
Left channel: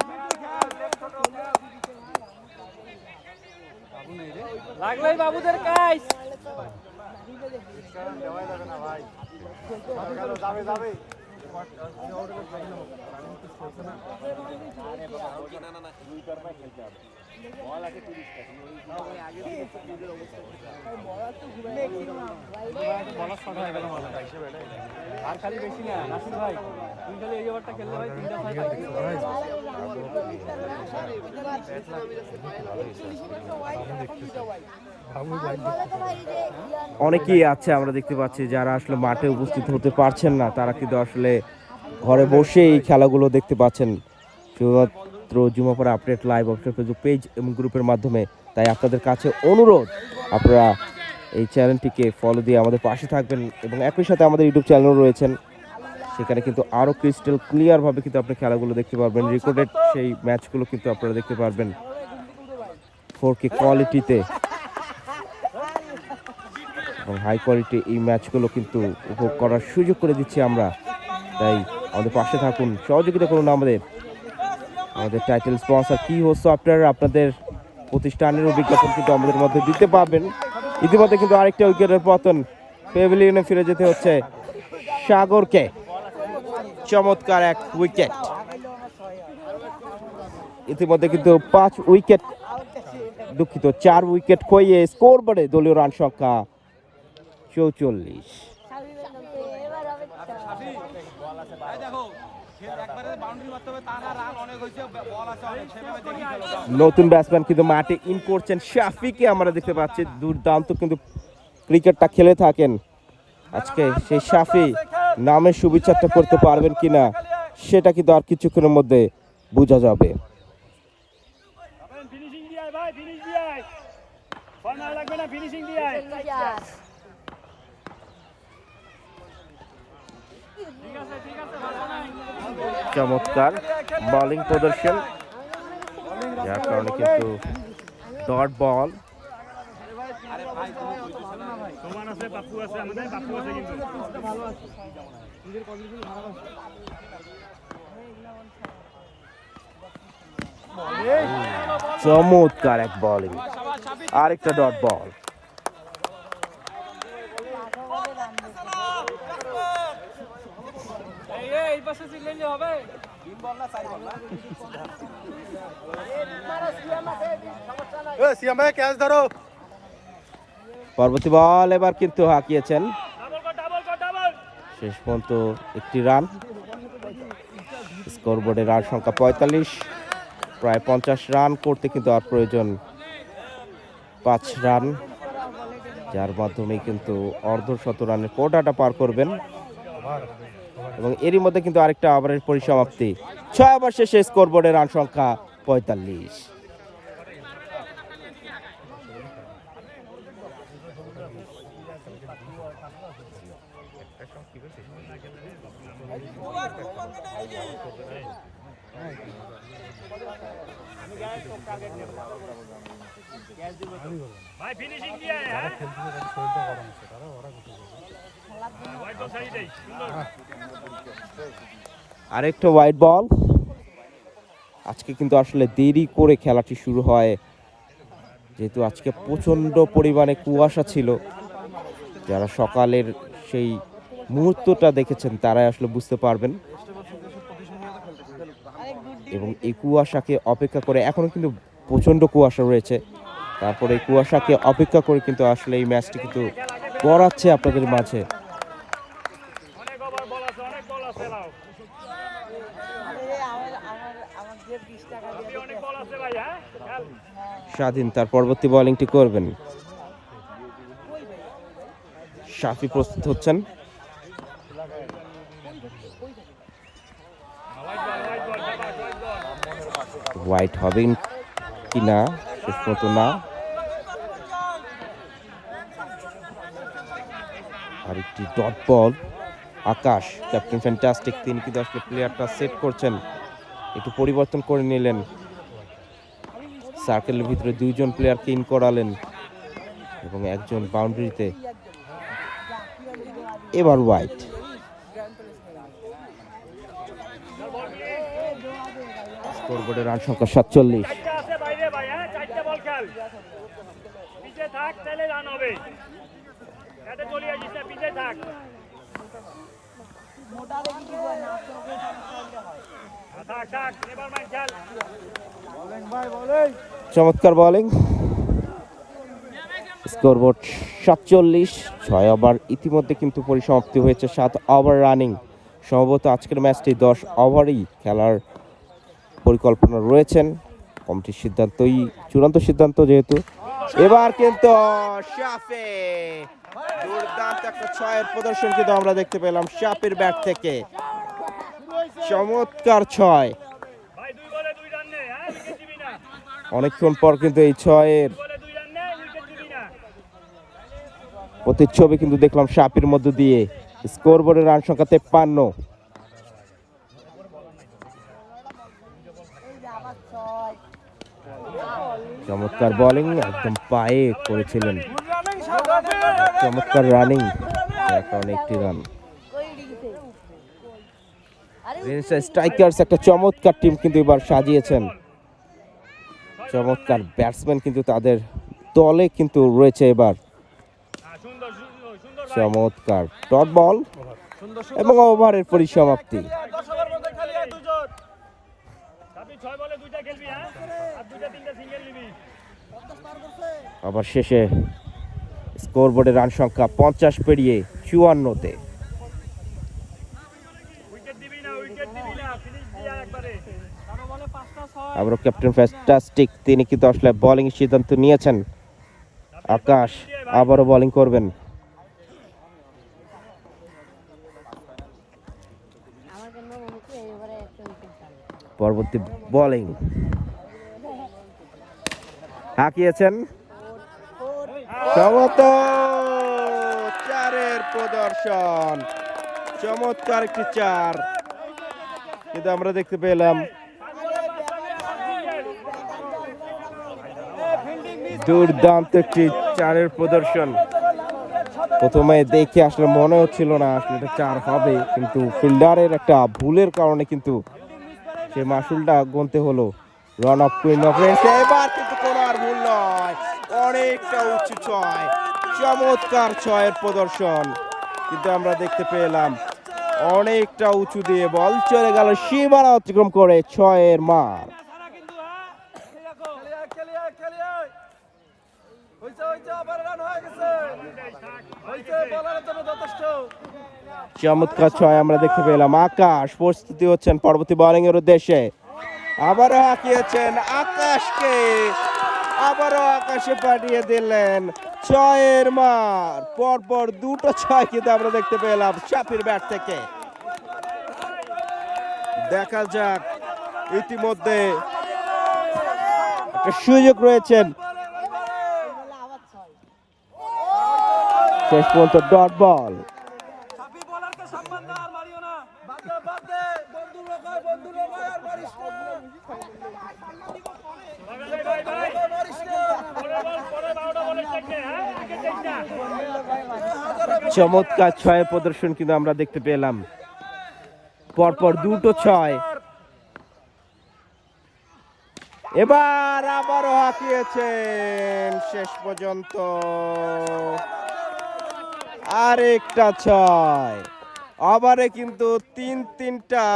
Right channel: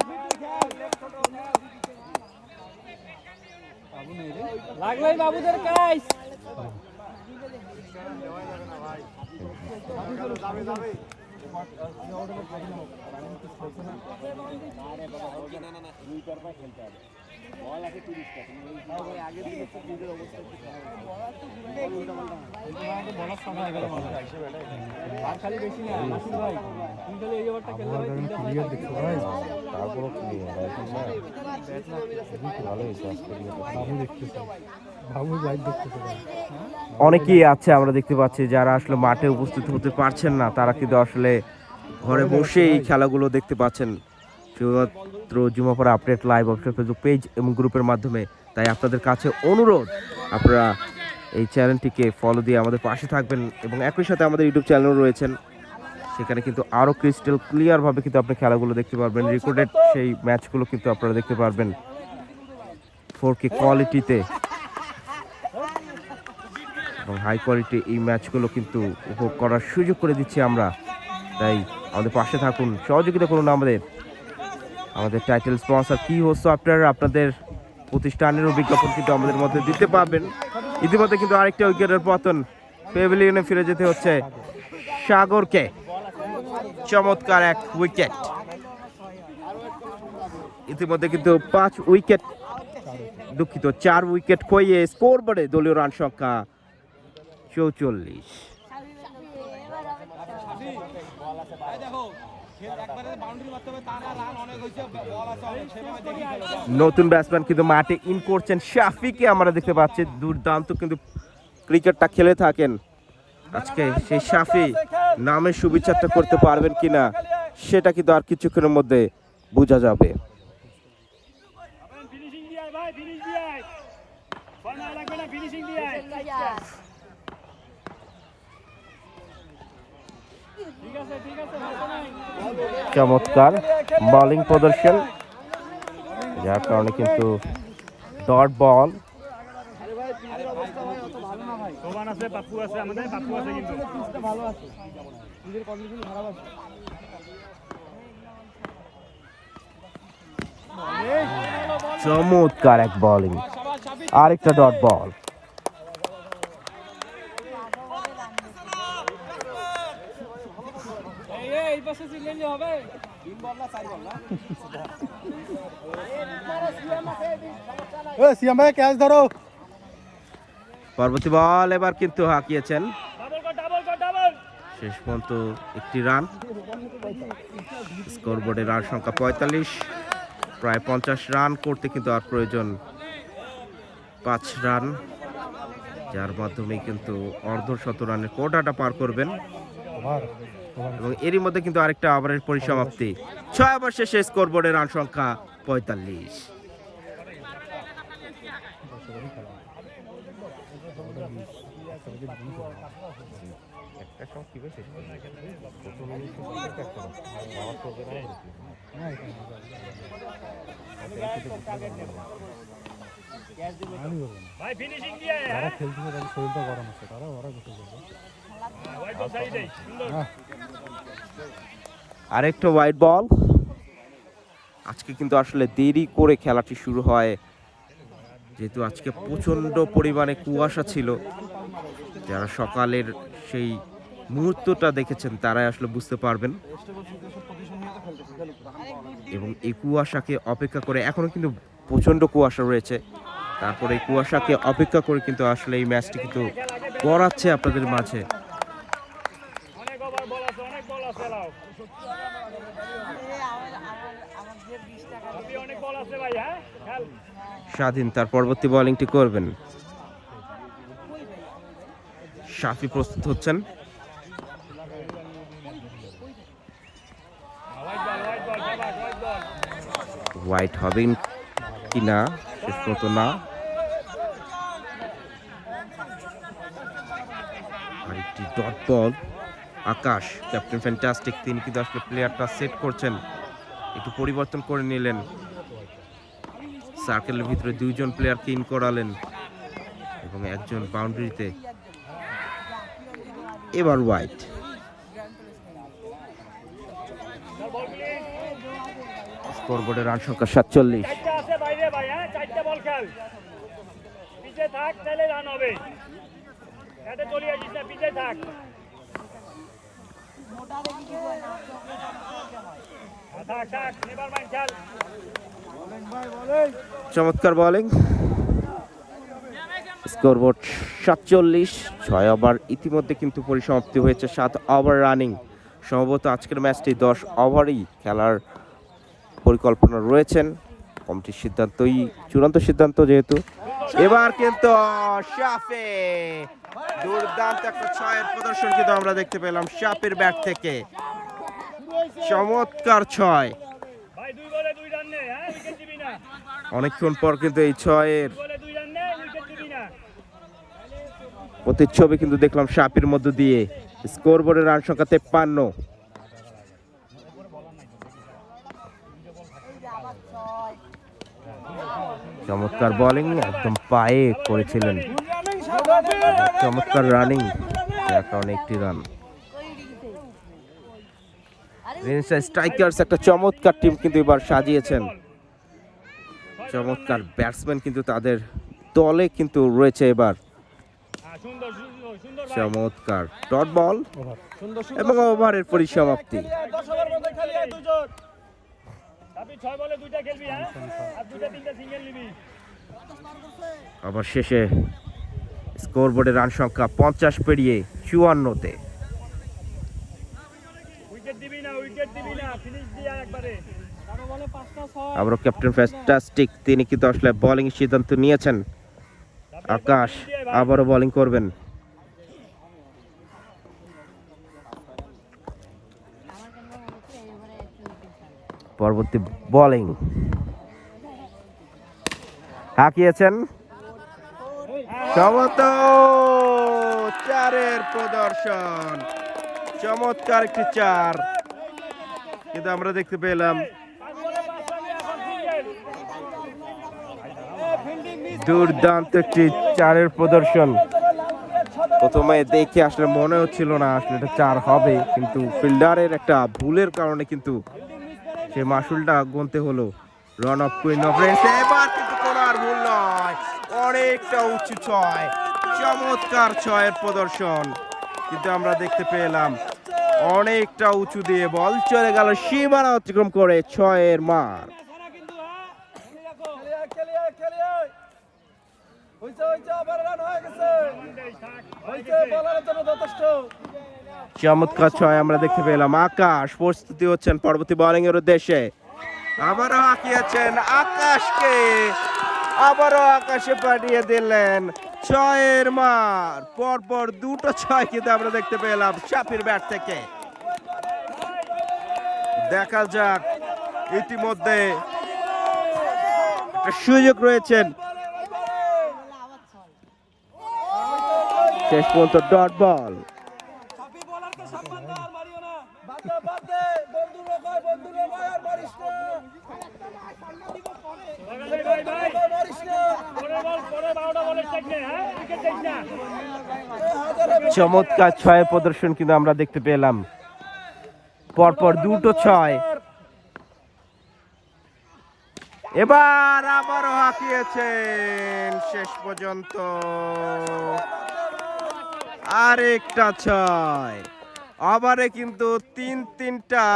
অনেকেই আছে আমরা দেখতে পাচ্ছি যারা আসলে মাঠে উপস্থিত হতে পারছেন না, তারা কিন্তু আসলে ঘরে বসে এই খেলাগুলো দেখতে পাচ্ছেন শুধুমাত্র Jummapara update live official Facebook page এবং গ্রুপের মাধ্যমে। তাই আপনাদের কাছে অনুরোধ, আপনারা এই চ্যানেলটিকে ফলো দিয়ে আমাদের পাশে থাকবেন এবং একই সাথে আমাদের ইউটিউব চ্যানেলও রয়েছেন, সেখানে কিন্তু আরও ক্রিস্টাল ক্লিয়ারভাবে কিন্তু আপনি খেলাগুলো দেখতে পারবেন। রেকর্ডেড সেই ম্যাচগুলো কিন্তু আপনারা দেখতে পারবেন 4K কোয়ালিটিতে, এবং হাই কোয়ালিটি এই ম্যাচগুলো কিন্তু উপভোগ করার সুযোগ করে দিচ্ছি আমরা। তাই আমাদের পাশে থাকুন, সহযোগিতা করুন আমাদের টাইটেল স্পন্সর কি হোস্ট সফটওয়্যার, আপনাদের প্রতিষ্ঠানেরও বিজ্ঞাপন কিন্তু আমাদের মধ্যে দিতে পারবেন। ইতিমধ্যে কিন্তু আরেকটা উইকেটের পতন, প্যাভিলিয়নে ফিরে যেতে হচ্ছে সাগরকে। চমৎকার এক উইকেট, ইতিমধ্যে কিন্তু 4 উইকেট খইয়ে স্কোরবোর্ডে দলীয় রান সংখ্যা 44। নতুন ব্যাটসম্যান কিন্তু মাঠে ইন করছেন শাফিকে আমরা দেখতে পাচ্ছি, দুর্দান্ত কিন্তু ক্রিকেটটা খেলে থাকেন। আজকে সেই শাফি নামের শুভেচ্ছাটা করতে পারবেন কিনা সেটা কিন্তু আর কিছুক্ষণের মধ্যে বোঝা যাবে। ফিনিশিং দিয়ে আয় ভাই, ফিনিশ দিয়ে আয়। ছয় মারা লাগবে না, ফিনিশিং দিয়ে আয়। ঠিক আছে, ঠিক আছে, ভালো নাই। চমৎকার বোলিং প্রদর্শন, যার কারণে কিন্তু ডট বল। সোবান আছে, পাপ্পু আছে, আমাদের পাপ্পু আছে কিন্তু। ভালো আছে, নিজের কন্ডিশন খারাপ আছে। চমৎকার এক বোলিং, আরেকটা ডট বল। এই পাশে চিল্লাইলে হবে। সিয়াম ভাই ক্যাচ ধরো। পরবর্তী বল এবার কিন্তু হাঁকিয়েছেন, ডাবল কর, ডাবল কর, ডাবল। শেষ পর্যন্ত একটি রান। স্কোরবোর্ডে রান সংখ্যা 45, প্রায় 50 রান করতে কিন্তু আর প্রয়োজন 5 রান, যার মাধ্যমে কিন্তু অর্ধশত রানের কোটাটা পার করবেন। এবং এরই মধ্যে কিন্তু আরেকটা ওভারের পরিসমাপ্তি। 6 ওভার শেষে স্কোরবোর্ডে রান সংখ্যা 45। ভাই ফিনিশিং দিয়ে আয়, হ্যাঁ? হোয়াইট বল সাইড দেই, সুন্দর। আরেকটা হোয়াইট বল। আজকে কিন্তু আসলে দেরি করে খেলাটি শুরু হয়, যেহেতু আজকে প্রচণ্ড পরিমাণে কুয়াশা ছিল। যারা সকালের সেই মুহূর্তটা দেখেছেন তারাই আসলে বুঝতে পারবেন। এবং এই কুয়াশাকে অপেক্ষা করে, এখনো কিন্তু প্রচণ্ড কুয়াশা রয়েছে, তারপরে এই কুয়াশাকে অপেক্ষা করে কিন্তু আসলে এই ম্যাচটি কিন্তু করাচ্ছে আপনাদের মাঝে। অনেক ওভার বল আছে, অনেক বল আছে, লাও। আপনি অনেক বল আছে ভাই, হ্যাঁ? খেল। স্বাধীন তার পরবর্তী বোলিংটি করবেন। শাফি প্রস্তুত হচ্ছেন। White ball, শাবাশ, white ball. White হবেন কিনা শেষ পর্যন্ত না। আরেকটি ডট বল। আকাশ, ক্যাপ্টেন ফ্যান্টাস্টিক, তিনি কিন্তু আসলে প্লেয়ারটা সেট করছেন, একটু পরিবর্তন করে নিলেন। সার্কেলের ভিতরে 2 জন প্লেয়ারকে ইন করালেন এবং একজন বাউন্ডারিতে। এবার হোয়াইট। স্কোরবোর্ডে রান সংখ্যা 47। চারটা আছে বাইরে ভাই, হ্যাঁ? চারটা বল খেল। পিছে থাক, তাহলে রান হবে। ব্যাটে চলে আসিস না, পিছে থাক। থাক, থাক, নেভার মাইন্ড, খেল। চমৎকার বোলিং। স্কোরবোর্ড 47। 6 ওভার ইতিমধ্যে কিন্তু পরিসমাপ্তি হয়েছে, 7 ওভার রানিং। সম্ভবত আজকের ম্যাচটি 10 ওভারই খেলার পরিকল্পনা রয়েছেন। কমিটির সিদ্ধান্তই চূড়ান্ত সিদ্ধান্ত যেহেতু। এবার কিন্তু শাফি, দুর্দান্ত একটা 6-এর প্রদর্শন কিন্তু আমরা দেখতে পেলাম শাফির ব্যাট থেকে। চমৎকার 6। ভাই 2 বলে 2 রান নে, হ্যাঁ? উইকেট দিবি না। অনেকক্ষণ পর কিন্তু এই 6-এর বলে 2 রান নে, উইকেট দিবি না। প্রতিচ্ছবি কিন্তু দেখলাম শাফির মধ্য দিয়ে। স্কোরবোর্ডের রান সংখ্যা 53। চমৎকার বোলিং, একদম পায়ে করেছিলেন। চমৎকার রানিং, যার কারণে একটি রান। স্ট্রাইকার্স একটা চমৎকার টিম কিন্তু এবার সাজিয়েছেন। চমৎকার ব্যাটসম্যান কিন্তু তাদের দলে কিন্তু রয়েছে এবার। সুন্দর, সুন্দর, সুন্দর ভাই। চমৎকার ডট বল এবং ওভারের পরিসমাপ্তি। 10 ওভার মধ্যে খালি 2 জন। আপনি 6 বলে 2টা খেলবি, হ্যাঁ? আর 2টা 3টা সিঙ্গেল নিবি। আবার শেষে স্কোরবোর্ডে রান সংখ্যা 50 পেরিয়ে 54-তে। উইকেট দিবি না, উইকেট দিবি না, ফিনিশ দিয়ে একবারে। আবারও ক্যাপ্টেন ফ্যান্টাস্টিক, তিনি কিন্তু আসলে বোলিং সিদ্ধান্ত নিয়েছেন। আকাশ আবারও বোলিং করবেন। পরবর্তী বোলিং হাঁকিয়েছেন সম্ভবত 4-এর প্রদর্শন, চমৎকার একটি 4 কিন্তু আমরা দেখতে পেলাম। দুর্দান্ত একটি 4-এর প্রদর্শন। প্রথমে দেখে আসলে মনে হচ্ছিল না আসলে এটা 4 হবে, কিন্তু ফিল্ডারের একটা ভুলের কারণে কিন্তু সে মাসুলটা গুনতে হলো। Run of queen of Reigns, এবার কিন্তু কোনো আর ভুল নয়, অনেকটা উঁচু 6, চমৎকার 6-এর প্রদর্শন কিন্তু আমরা দেখতে পেলাম। অনেকটা উঁচু দিয়ে বল চলে গেল সীমানা অতিক্রম করে 6-এর মার। চমৎকার 6 আমরা দেখতে পেলাম। আকাশ প্রস্তুতি হচ্ছেন পরবর্তী বোলিং এর উদ্দেশ্যে। আবারও হাঁকিয়েছেন আকাশকে, আবারও আকাশে পাঠিয়ে দিলেন 6-এর মার। পরপর দুটো 6 কিন্তু আমরা দেখতে পেলাম শাফির ব্যাট থেকে। দেখা যাক, ইতিমধ্যে একটা সুযোগ রয়েছেন, শেষ পর্যন্ত ডট বল। চমৎকার 6 প্রদর্শন কিন্তু আমরা দেখতে পেলাম, পরপর দুটো 6। এবার আবারও হাঁকিয়েছেন শেষ পর্যন্ত আরেকটা 6। ওভারে কিন্তু 3-3টা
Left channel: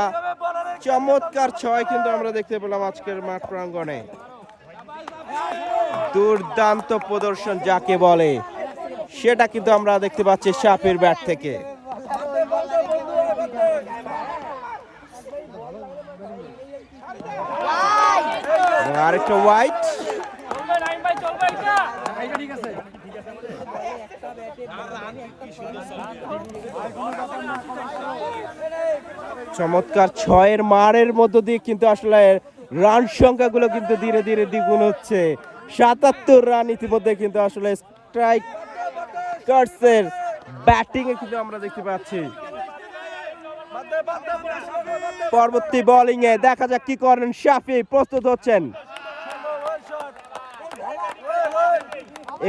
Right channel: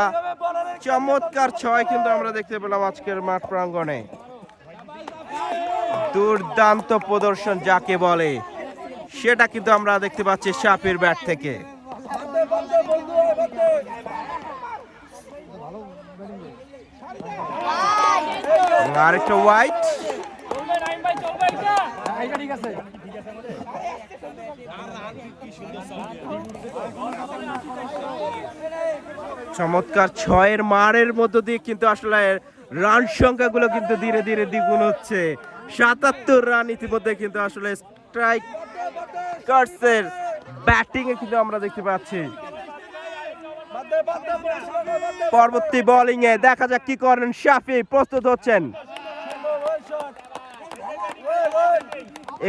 চমৎকার 6 কিন্তু আমরা দেখতে পেলাম আজকের মাঠ প্রাঙ্গণে। দুর্দান্ত প্রদর্শন যাকে বলে সেটা কিন্তু আমরা দেখতে পাচ্ছি শাফির ব্যাট থেকে। এবং আরেকটা ওয়াইড। চমৎকার 6-এর মারের মধ্য দিয়ে কিন্তু আসলে রান সংখ্যাগুলো কিন্তু ধীরে ধীরে দ্বিগুণ হচ্ছে। 77 রান ইতিমধ্যে কিন্তু আসলে স্ট্রাইকার্সের ব্যাটিং এ কিন্তু আমরা দেখতে পাচ্ছি। পরবর্তী বোলিং এ দেখা যাক কি করেন শাফি, প্রস্তুত হচ্ছেন।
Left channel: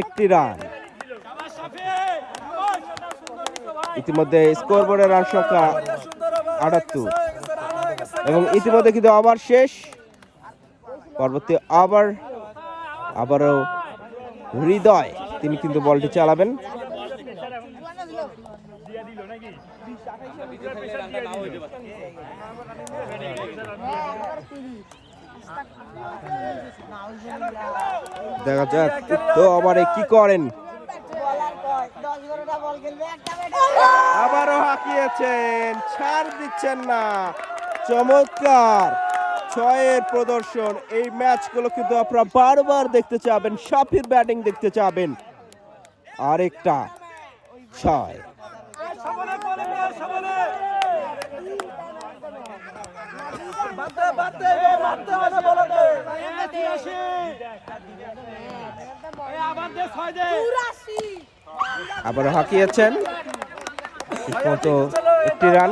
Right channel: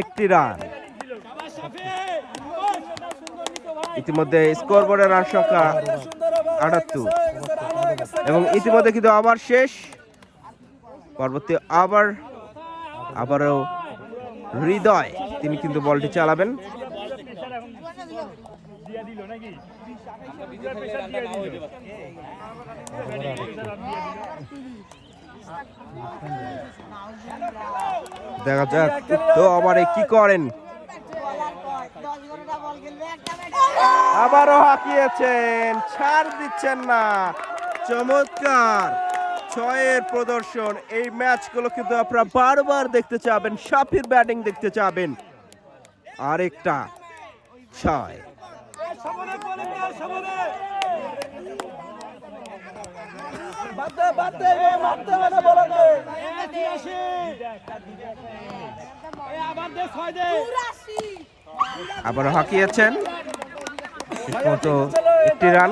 একটি রান ইতিমধ্যে, স্কোরবোর্ডের রান সংখ্যা 78 এবং ইতিমধ্যে কিন্তু ওভার শেষ। পরবর্তী ওভার আবারও হৃদয় তিনি কিন্তু বলটি চালাবেন। দেখা যাক তো ওভারে কি করেন। আবারও হাঁকিয়েছেন, ছাড় দিচ্ছেন না। চমৎকার 6-এর প্রদর্শন। এই ম্যাচগুলো কিন্তু আপনারা বারবার দেখতে চাবেন, শাফির ব্যাটিং দেখতে চাবেন। আরেকটা 6। আবারও হাঁকিয়েছেন, একটি রান।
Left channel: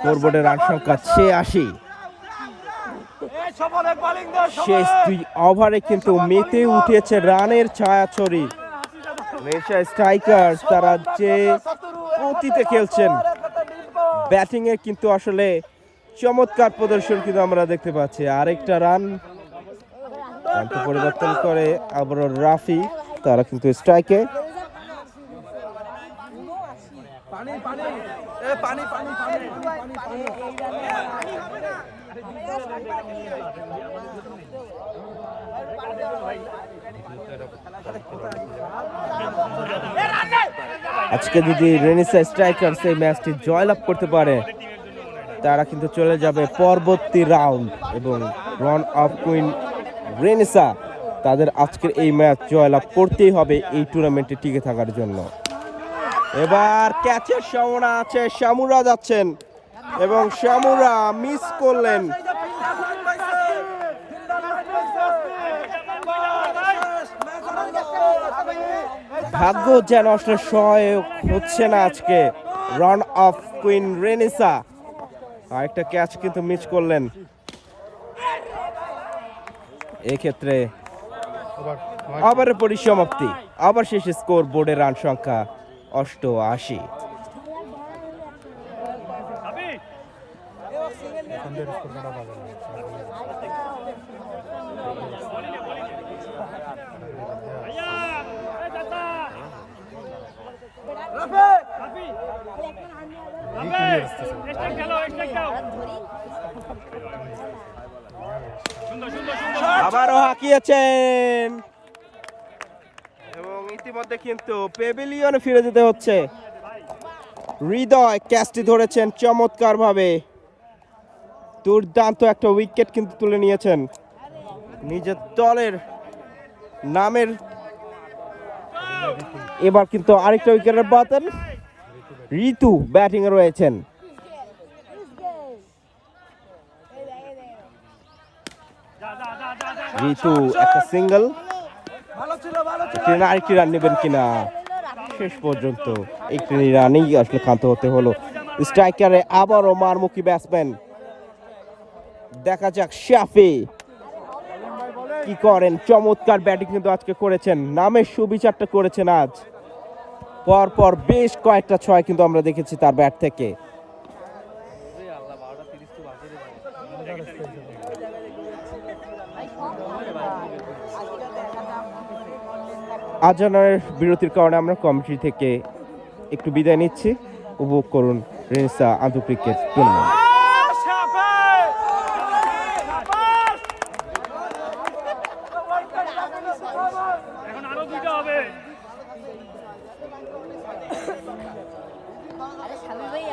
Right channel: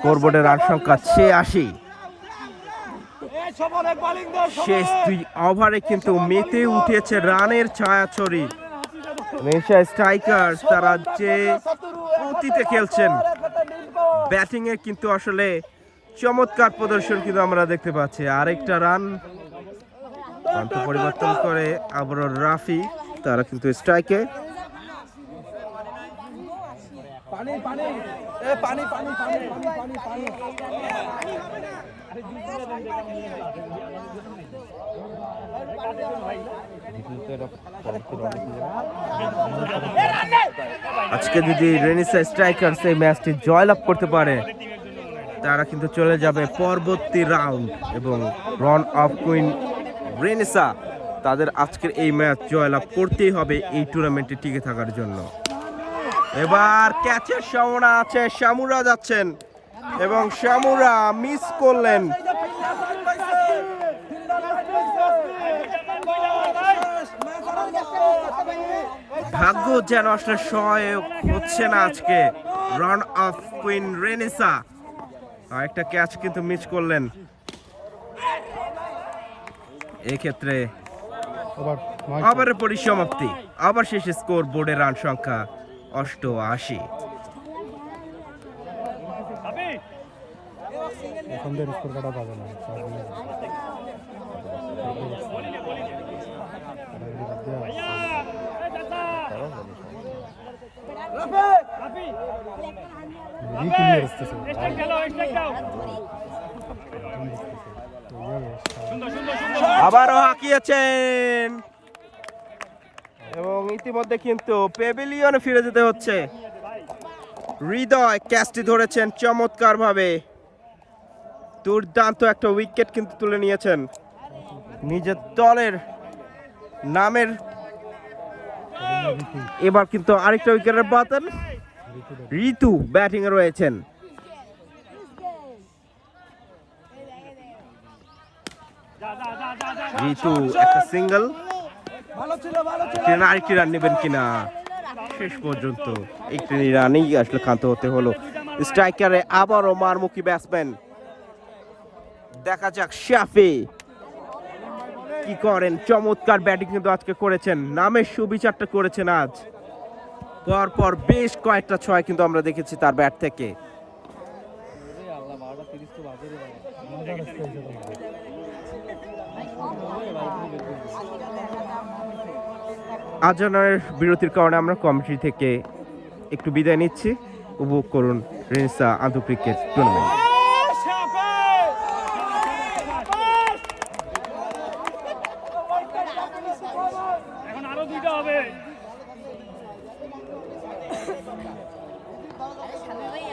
স্কোরবোর্ডের রান সংখ্যা 86। শেষ 2 ওভারে কিন্তু মেতে উঠেছে রানের ছায়াছড়ি। স্ট্রাইকার্স তারা যে গতিতে খেলছেন, ব্যাটিং এ কিন্তু আসলে চমৎকার প্রদর্শন কিন্তু আমরা দেখতে পাচ্ছি। আরেকটা রান পরিবর্তন করে আবারও রাফি, তারা কিন্তু স্ট্রাইকে। আজকে যদি রেনিসা স্ট্রাইকার্স এই ম্যাচটি জয়লাভ করতে পারে, তারা কিন্তু চলে যাবে পরবর্তী রাউন্ড এবং রান অফ কুইন রেনিসা তাদের আজকের এই ম্যাচ জয়লাভ করতেই হবে এই টুর্নামেন্টে টিকে থাকার জন্য। এবার ক্যাচের সম্ভাবনা আছে, শামুরা যাচ্ছেন এবং শামুরা মিস করলেন। ভাগ্য যেন আসলে সহায়ক হচ্ছে না আজকে রান অফ কুইন রেনেসা। আরেকটা ক্যাচ কিন্তু মিস করলেন। এক্ষেত্রে আবার পরিসমাপ্তি, আবার শেষে স্কোর বোর্ডে রান সংখ্যা 88। আবারও হাঁকিয়েছেন এবং ইতিমধ্যে কিন্তু পেভিলিয়নে ফিরে যেতে হচ্ছে। হৃদয় ক্যাচটি ধরেছেন চমৎকার ভাবে, দুর্দান্ত একটা উইকেট কিন্তু তুলে নিয়েছেন নিজের দলের নামের। এবার কিন্তু আরেকটা উইকেটের বাতন, ঋতু ব্যাটিং এ রয়েছেন। ঋতু একটা সিঙ্গেল, আরেকটি রান নেবেন কিনা, শেষ পর্যন্ত একটি রানেই আসলে ক্ষান্ত হতে হলো। স্ট্রাইকারে আবারও মারমুখী ব্যাটসম্যান, দেখা যাক শাফি কি করেন। চমৎকার ব্যাটিং কিন্তু আজকে করেছেন, নামের সুবিচারটা করেছেন আজ। পরপর বেশ কয়েকটা ছয় কিন্তু আমরা দেখেছি তার ব্যাট থেকে। আজানের বিরতির কারণে আমরা কমিটি থেকে একটু বিদায় নিচ্ছি। উপভোগ করুন রেনেসা আন্তর্জাতিক ক্রিকেট টুর্নামেন্ট। এখন আরো দুইটা হবে। খেলা হইল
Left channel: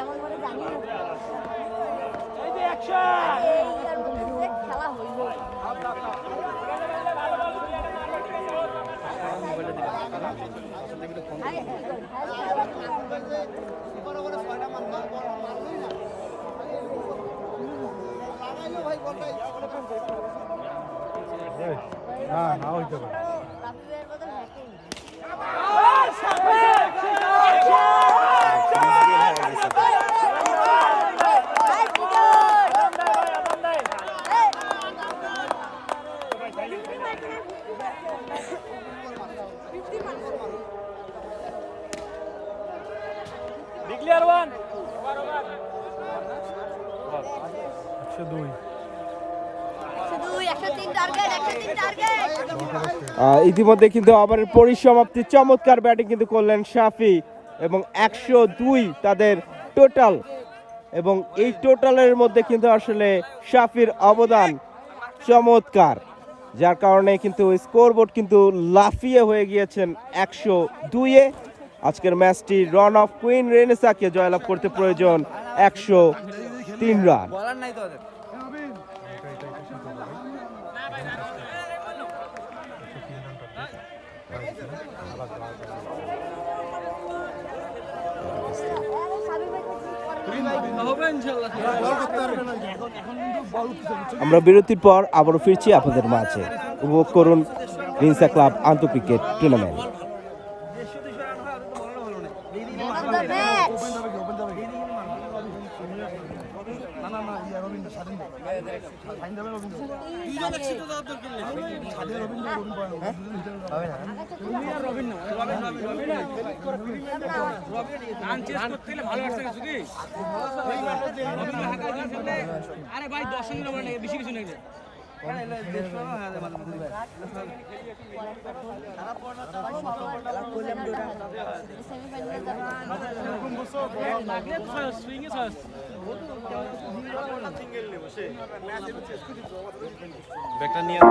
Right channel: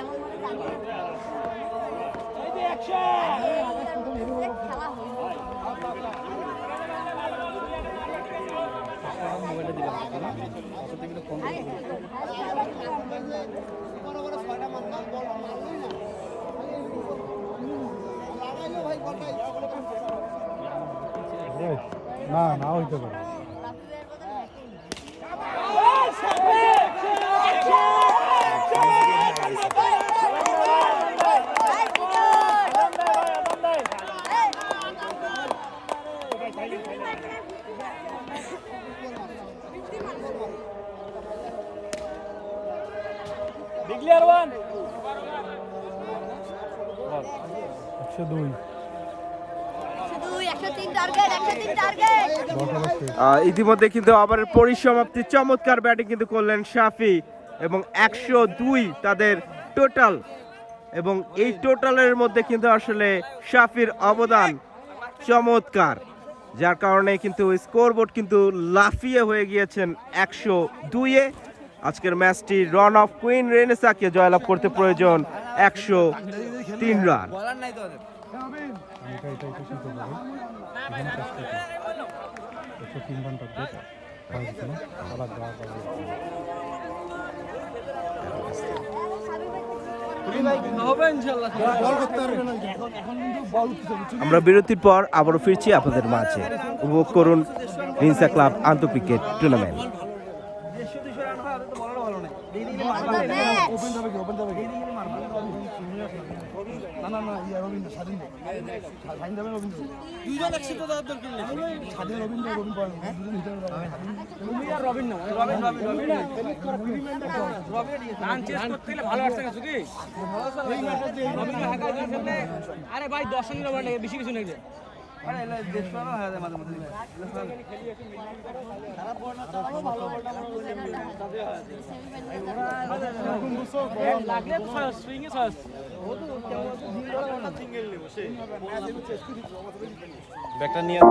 ইতিমধ্যে কিন্তু আবার পরিসমাপ্তি, চমৎকার ব্যাটিং কিন্তু করলেন শাফি এবং 102 তাদের টোটাল। এবং এই টোটালের মধ্যে কিন্তু আসলে শাফির অবদান চমৎকার, যার কারণে কিন্তু স্কোরবোর্ড কিন্তু লাফিয়ে হয়ে গিয়েছেন 102-এ। আজকের ম্যাচটি রান অফ কুইন রেনেসাকে জয়লাভ করতে প্রয়োজন 103 রান। আমরা বিরতির পর আবারও ফিরছি আপনাদের মাঝে। উপভোগ করুন রেনেসা ক্লাব আন্তর্জাতিক ক্রিকেট টুর্নামেন্ট। আরে ভাই 10 রান ওভার লাগে, বেশি কিছু নেই। লাগলে তো সুইংয়ে সস ব্যাগটা নিয়ে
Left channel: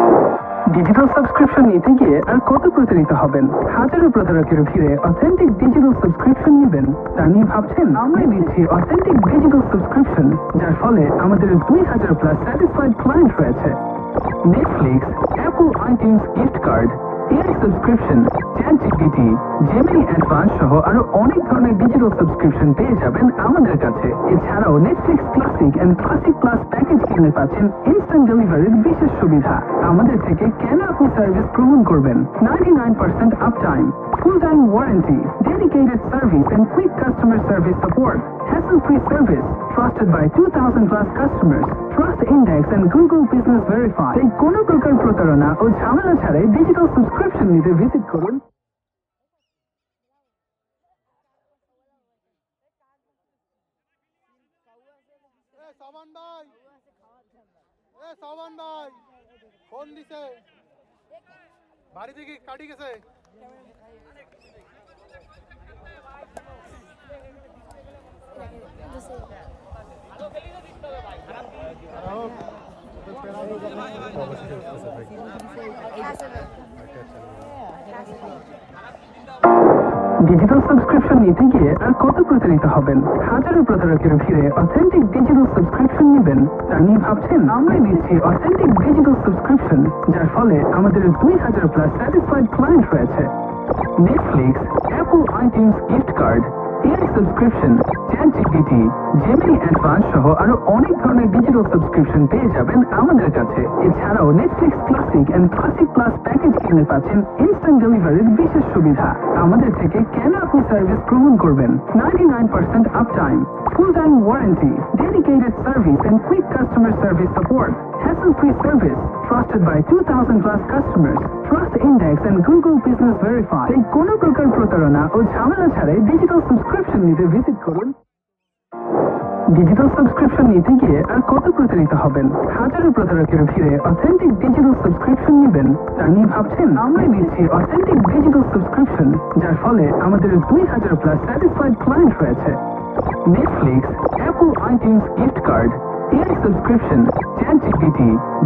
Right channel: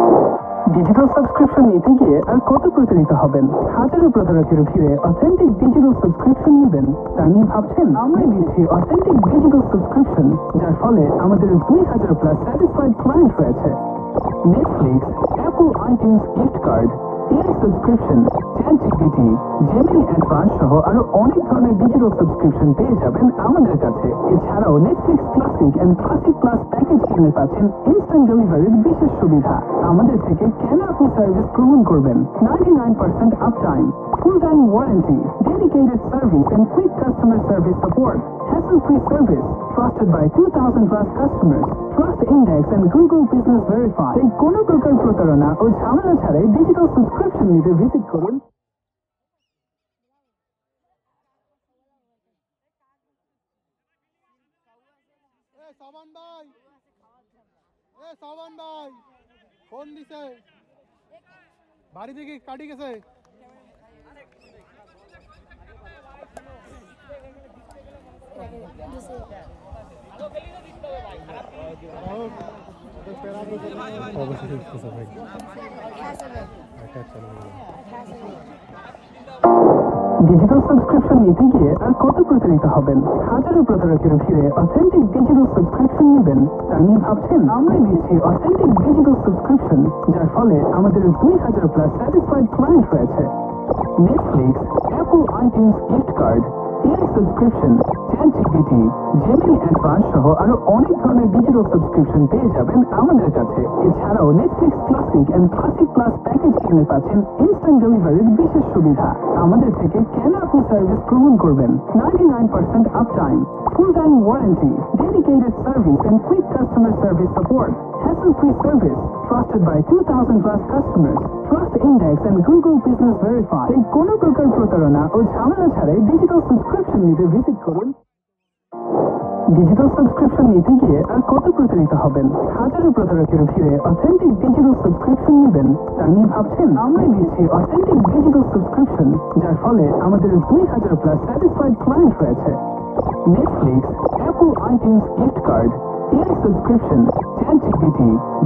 ডিজিটাল সাবস্ক্রিপশন নিতে গিয়ে আর কত প্রতারিত হবেন? হাজারো প্রতারকের ভিড়ে অথেন্টিক ডিজিটাল সাবস্ক্রিপশন নেবেন তা নিয়ে ভাবছেন? আমরাই দিচ্ছি অথেন্টিক ডিজিটাল সাবস্ক্রিপশন, যার ফলে আমাদের 2000+ স্যাটিসফাইড ক্লায়েন্ট রয়েছে। Netflix, Apple iTunes gift card, AI subscription, ChatGPT, Gemini advance সহ আরো অনেক ধরনের ডিজিটাল সাবস্ক্রিপশন পেয়ে যাবেন আমাদের কাছে। এছাড়াও Netflix classic and classic plus package কিনলে পাচ্ছেন ইনস্ট্যান্ট ডেলিভারির বিশেষ সুবিধা। আমাদের থেকে কেন আপনি সার্ভিস গ্রহণ করবেন? 99% uptime, full time warranty, dedicated service and quick customer service support, hassle-free service, trusted by 2000+ customers, Trust Index and Google Business Verify। তাই কোনো প্রকার প্রতারণা ও ঝামেলা ছাড়াই ডিজিটাল সাবস্ক্রিপশন নিতে ভিজিট করুন। ফোন দিছে বাড়ি থেকে কাটি গেছে। ডিজিটাল সাবস্ক্রিপশন নিতে গিয়ে আর কত প্রতারিত হবেন? হাজারো প্রতারকের ভিড়ে অথেন্টিক ডিজিটাল সাবস্ক্রিপশন নেবেন তা নিয়ে ভাবছেন? আমরাই দিচ্ছি অথেন্টিক ডিজিটাল সাবস্ক্রিপশন, যার ফলে আমাদের 2000+ স্যাটিসফাইড ক্লায়েন্ট রয়েছে। Netflix, Apple iTunes gift card, AI subscription, ChatGPT, Gemini advance সহ আরো অনেক ধরনের ডিজিটাল সাবস্ক্রিপশন পেয়ে যাবেন আমাদের কাছে। এছাড়াও Netflix classic and classic plus package কিনলে পাচ্ছেন ইনস্ট্যান্ট ডেলিভারির বিশেষ সুবিধা। আমাদের থেকে কেন আপনি সার্ভিস গ্রহণ করবেন? 99% uptime, full time warranty, dedicated service and quick customer service support, hassle-free service, trusted by 2000+ customers, Trust Index and Google Business Verify। তাই কোনো প্রকার প্রতারণা ও ঝামেলা ছাড়াই ডিজিটাল সাবস্ক্রিপশন নিতে ভিজিট করুন। ডিজিটাল সাবস্ক্রিপশন নিতে গিয়ে আর কত প্রতারিত হবেন? হাজারো প্রতারকের ভিড়ে অথেন্টিক ডিজিটাল সাবস্ক্রিপশন নেবেন তা নিয়ে ভাবছেন? আমরাই দিচ্ছি অথেন্টিক ডিজিটাল সাবস্ক্রিপশন, যার ফলে আমাদের 2000+ স্যাটিসফাইড ক্লায়েন্ট রয়েছে। Netflix, Apple iTunes gift card, AI subscription, ChatGPT,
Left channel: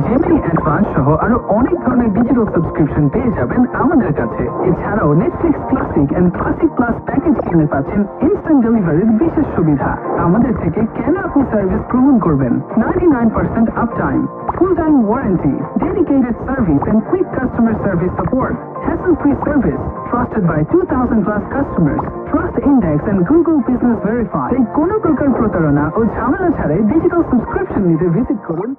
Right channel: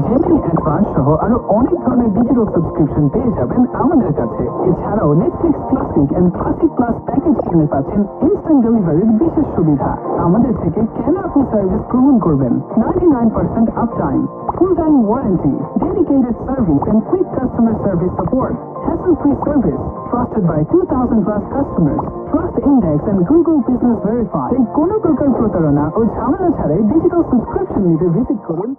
Gemini advance সহ আরো অনেক ধরনের ডিজিটাল সাবস্ক্রিপশন পেয়ে যাবেন আমাদের কাছে। এছাড়াও Netflix classic and classic plus package কিনলে পাচ্ছেন ইনস্ট্যান্ট ডেলিভারির বিশেষ সুবিধা। আমাদের থেকে কেন আপনি সার্ভিস গ্রহণ করবেন? 99% uptime, full time warranty, dedicated service and quick customer service support, hassle-free service, trusted by 2000+ customers, Trust Index and Google Business Verify। তাই কোনো প্রকার প্রতারণা ও ঝামেলা ছাড়াই ডিজিটাল সাবস্ক্রিপশন নিতে ভিজিট করুন।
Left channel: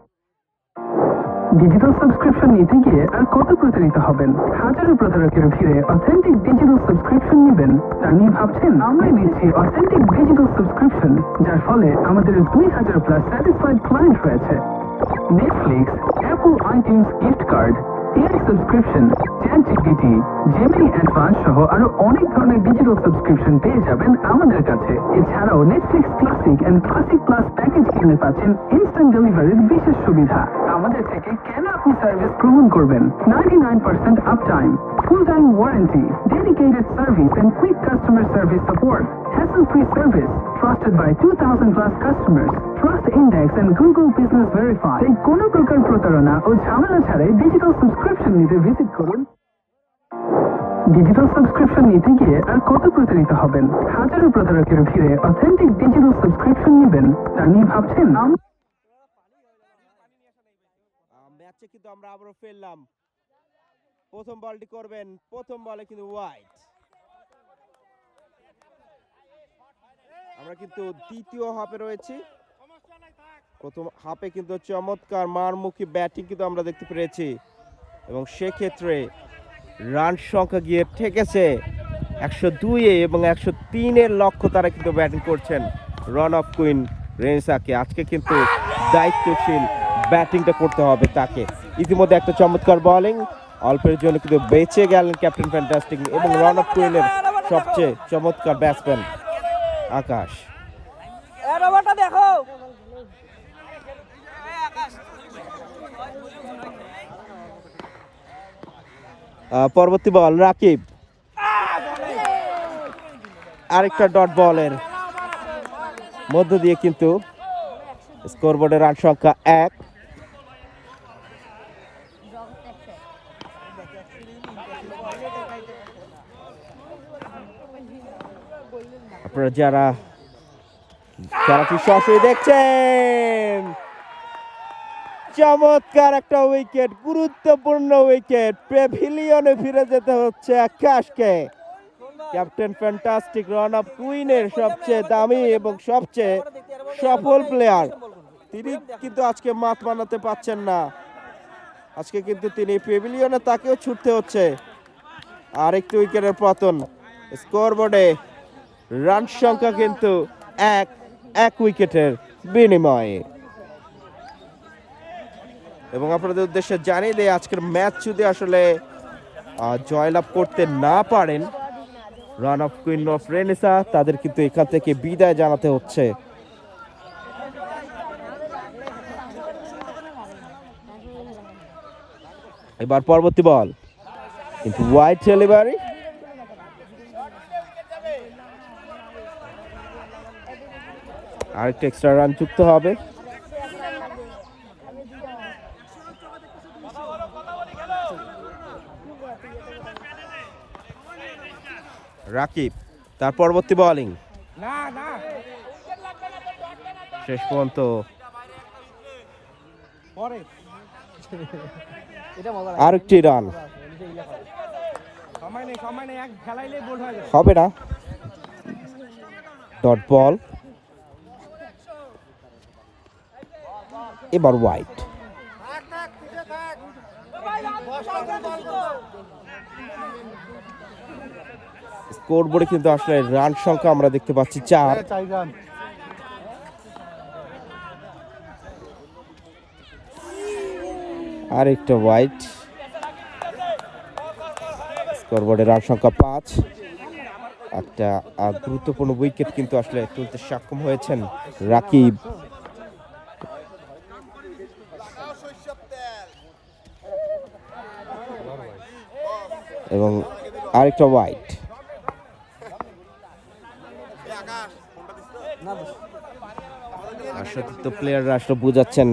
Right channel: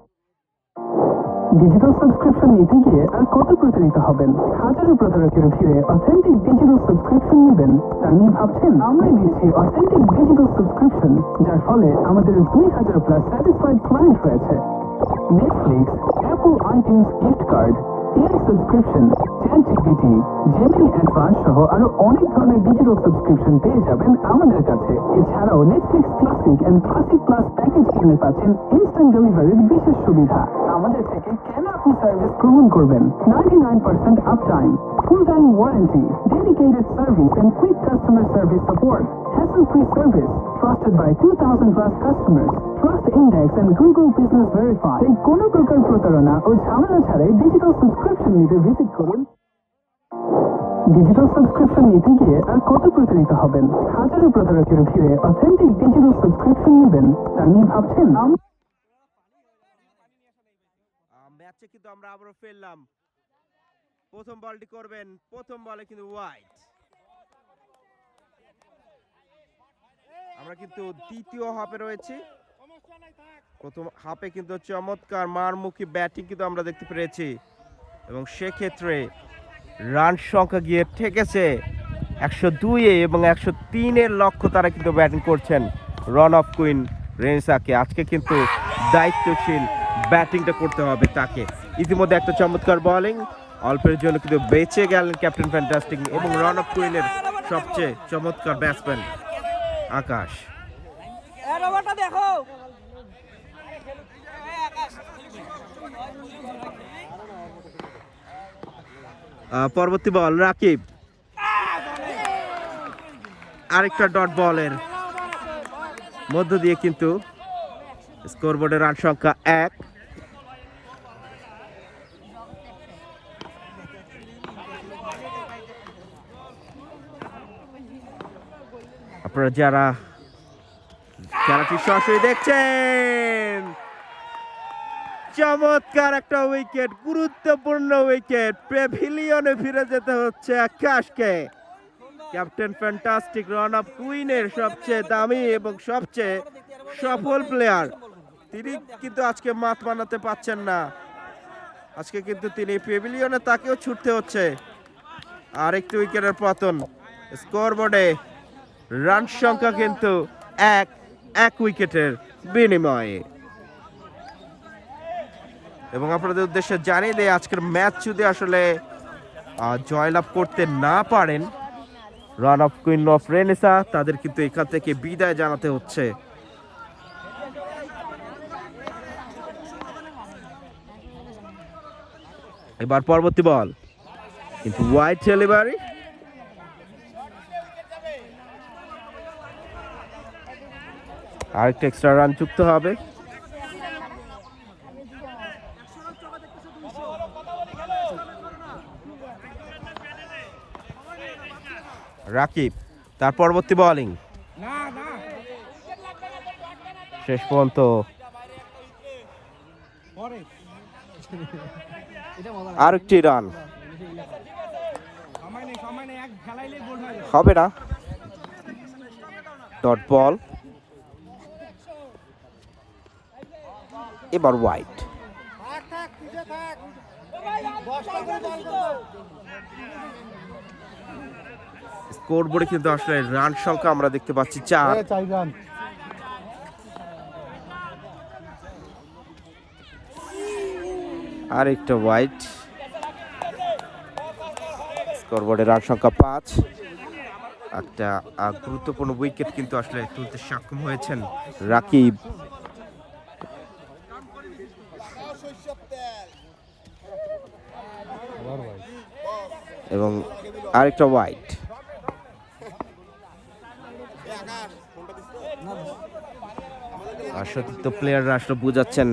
ডিজিটাল সাবস্ক্রিপশন নিতে গিয়ে আর কত প্রতারিত হবেন? হাজারো প্রতারকের ভিড়ে অথেন্টিক ডিজিটাল সাবস্ক্রিপশন নেবেন তা নিয়ে ভাবছেন? আমরাই দিচ্ছি অথেন্টিক ডিজিটাল সাবস্ক্রিপশন, যার ফলে আমাদের 2000+ স্যাটিসফাইড ক্লায়েন্ট রয়েছে। Netflix, Apple iTunes gift card, AI subscription, ChatGPT, Gemini advance সহ আরো অনেক ধরনের ডিজিটাল সাবস্ক্রিপশন পেয়ে যাবেন আমাদের কাছে। এছাড়াও Netflix classic and classic plus package কিনলে পাচ্ছেন ইনস্ট্যান্ট ডেলিভারির বিশেষ সুবিধা। আমাদের থেকে কেন আপনি সার্ভিস গ্রহণ করবেন? 99% uptime, full time warranty, dedicated service and quick customer service support, hassle-free service, trusted by 2000+ customers, Trust Index and Google Business Verify। তাই কোনো প্রকার প্রতারণা ও ঝামেলা ছাড়াই ডিজিটাল সাবস্ক্রিপশন নিতে ভিজিট করুন। ডিজিটাল সাবস্ক্রিপশন নিতে গিয়ে আর কত প্রতারিত হবেন? হাজারো প্রতারকের ভিড়ে অথেন্টিক ডিজিটাল সাবস্ক্রিপশন নেবেন তা নিয়ে ভাবছেন? ম্যাচে কিন্তু আমরা আবারও ফেললাম। প্রথম বলটি করবেন, প্রথম বলে কিন্তু ওয়াইড। আমরা কিন্তু দ্বিতীয় হাফে রয়েছি। প্রথম হাফে কিন্তু চমৎকার মারমুখী ব্যাটিং কিন্তু আমরা দেখতে পেরেছি এবং সেক্ষেত্রে রান সংখ্যা গিয়ে ঠেকেছে 102-এ এবং 103-এর লক্ষ্য তারা কিন্তু ব্যাটিং করছেন রন অফ কুইন রেনেসাকে। আজকে কিন্তু দায়িত্বশীল ব্যাটিংটা করতে হবে তাকে। ইতিমধ্যে একটা চমৎকার বোলিং, অল্পের জন্য কিন্তু বেঁচে গেলেন ক্যাপ্টেন ফ্যান্টাস্টিক এবং রন অফ কুইনের সবচেয়ে চমৎকার ব্যাটসম্যান আকাশ। দেখো পরবর্তী বল রাকিব, আরেকটা ডট বলের মধ্য দিয়ে কিন্তু স্কোরবোর্ডের রান সংখ্যা 1। আপনারা যারা খেলাটি সরাসরি দেখছেন, চমৎকার একটা উইকেট, গুরুত্বপূর্ণ উইকেট। প্যাভিলিয়নে ফিরে যেতে হচ্ছে আকাশকে। ক্যাপ্টেন ফ্যান্টাস্টিক, রান অফ কুইনের সবচেয়ে দামি এবং সবচেয়ে সফল প্লেয়ার, তিনি কিন্তু আজকে মাঠ বানাতে পারছেন না। আজকে কিন্তু তিনি প্যাভিলিয়নে, তাকেও ছুটতে হচ্ছে। আর একটি উইকেটের পতন। স্কোর বোর্ডে রান সংখ্যা কিন্তু এক উইকেটের বিনিময়ে। এবং আপনাদের উদ্দেশ্যে জানিয়ে দেয়, আজকের ম্যাচ যদি আসলে জয়লাভ করতে না পারেন run of queen of Renaissance, তাদের কিন্তু এখান থেকে বিদায় জানাতে হচ্ছে। এবার পরবর্তী বল কিন্তু ওয়াইড ডেলিভারি। আরেকটা এক্সট্রা রান যুক্ত হবে। রাকিব, তার পরবর্তী বোলিং শেষ পর্যন্ত আরেকটি রান হবে না। ডট বল, এবার ওয়াইড। স্কোর বোর্ডে কিন্তু আসলে রান সংখ্যা আমরা দেখতে পাচ্ছি 4। আর একটা ওয়াইড। স্কোর বোর্ডে রান সংখ্যা 5। একটা গুরুত্বপূর্ণ উইকেট কিন্তু আসলে তুলতে সক্ষম হয়েছেন রাকিব। এবং আরেকটা ওয়াইড। আর সতীর্থ প্লেয়াররা আসলে বুঝাচ্ছেন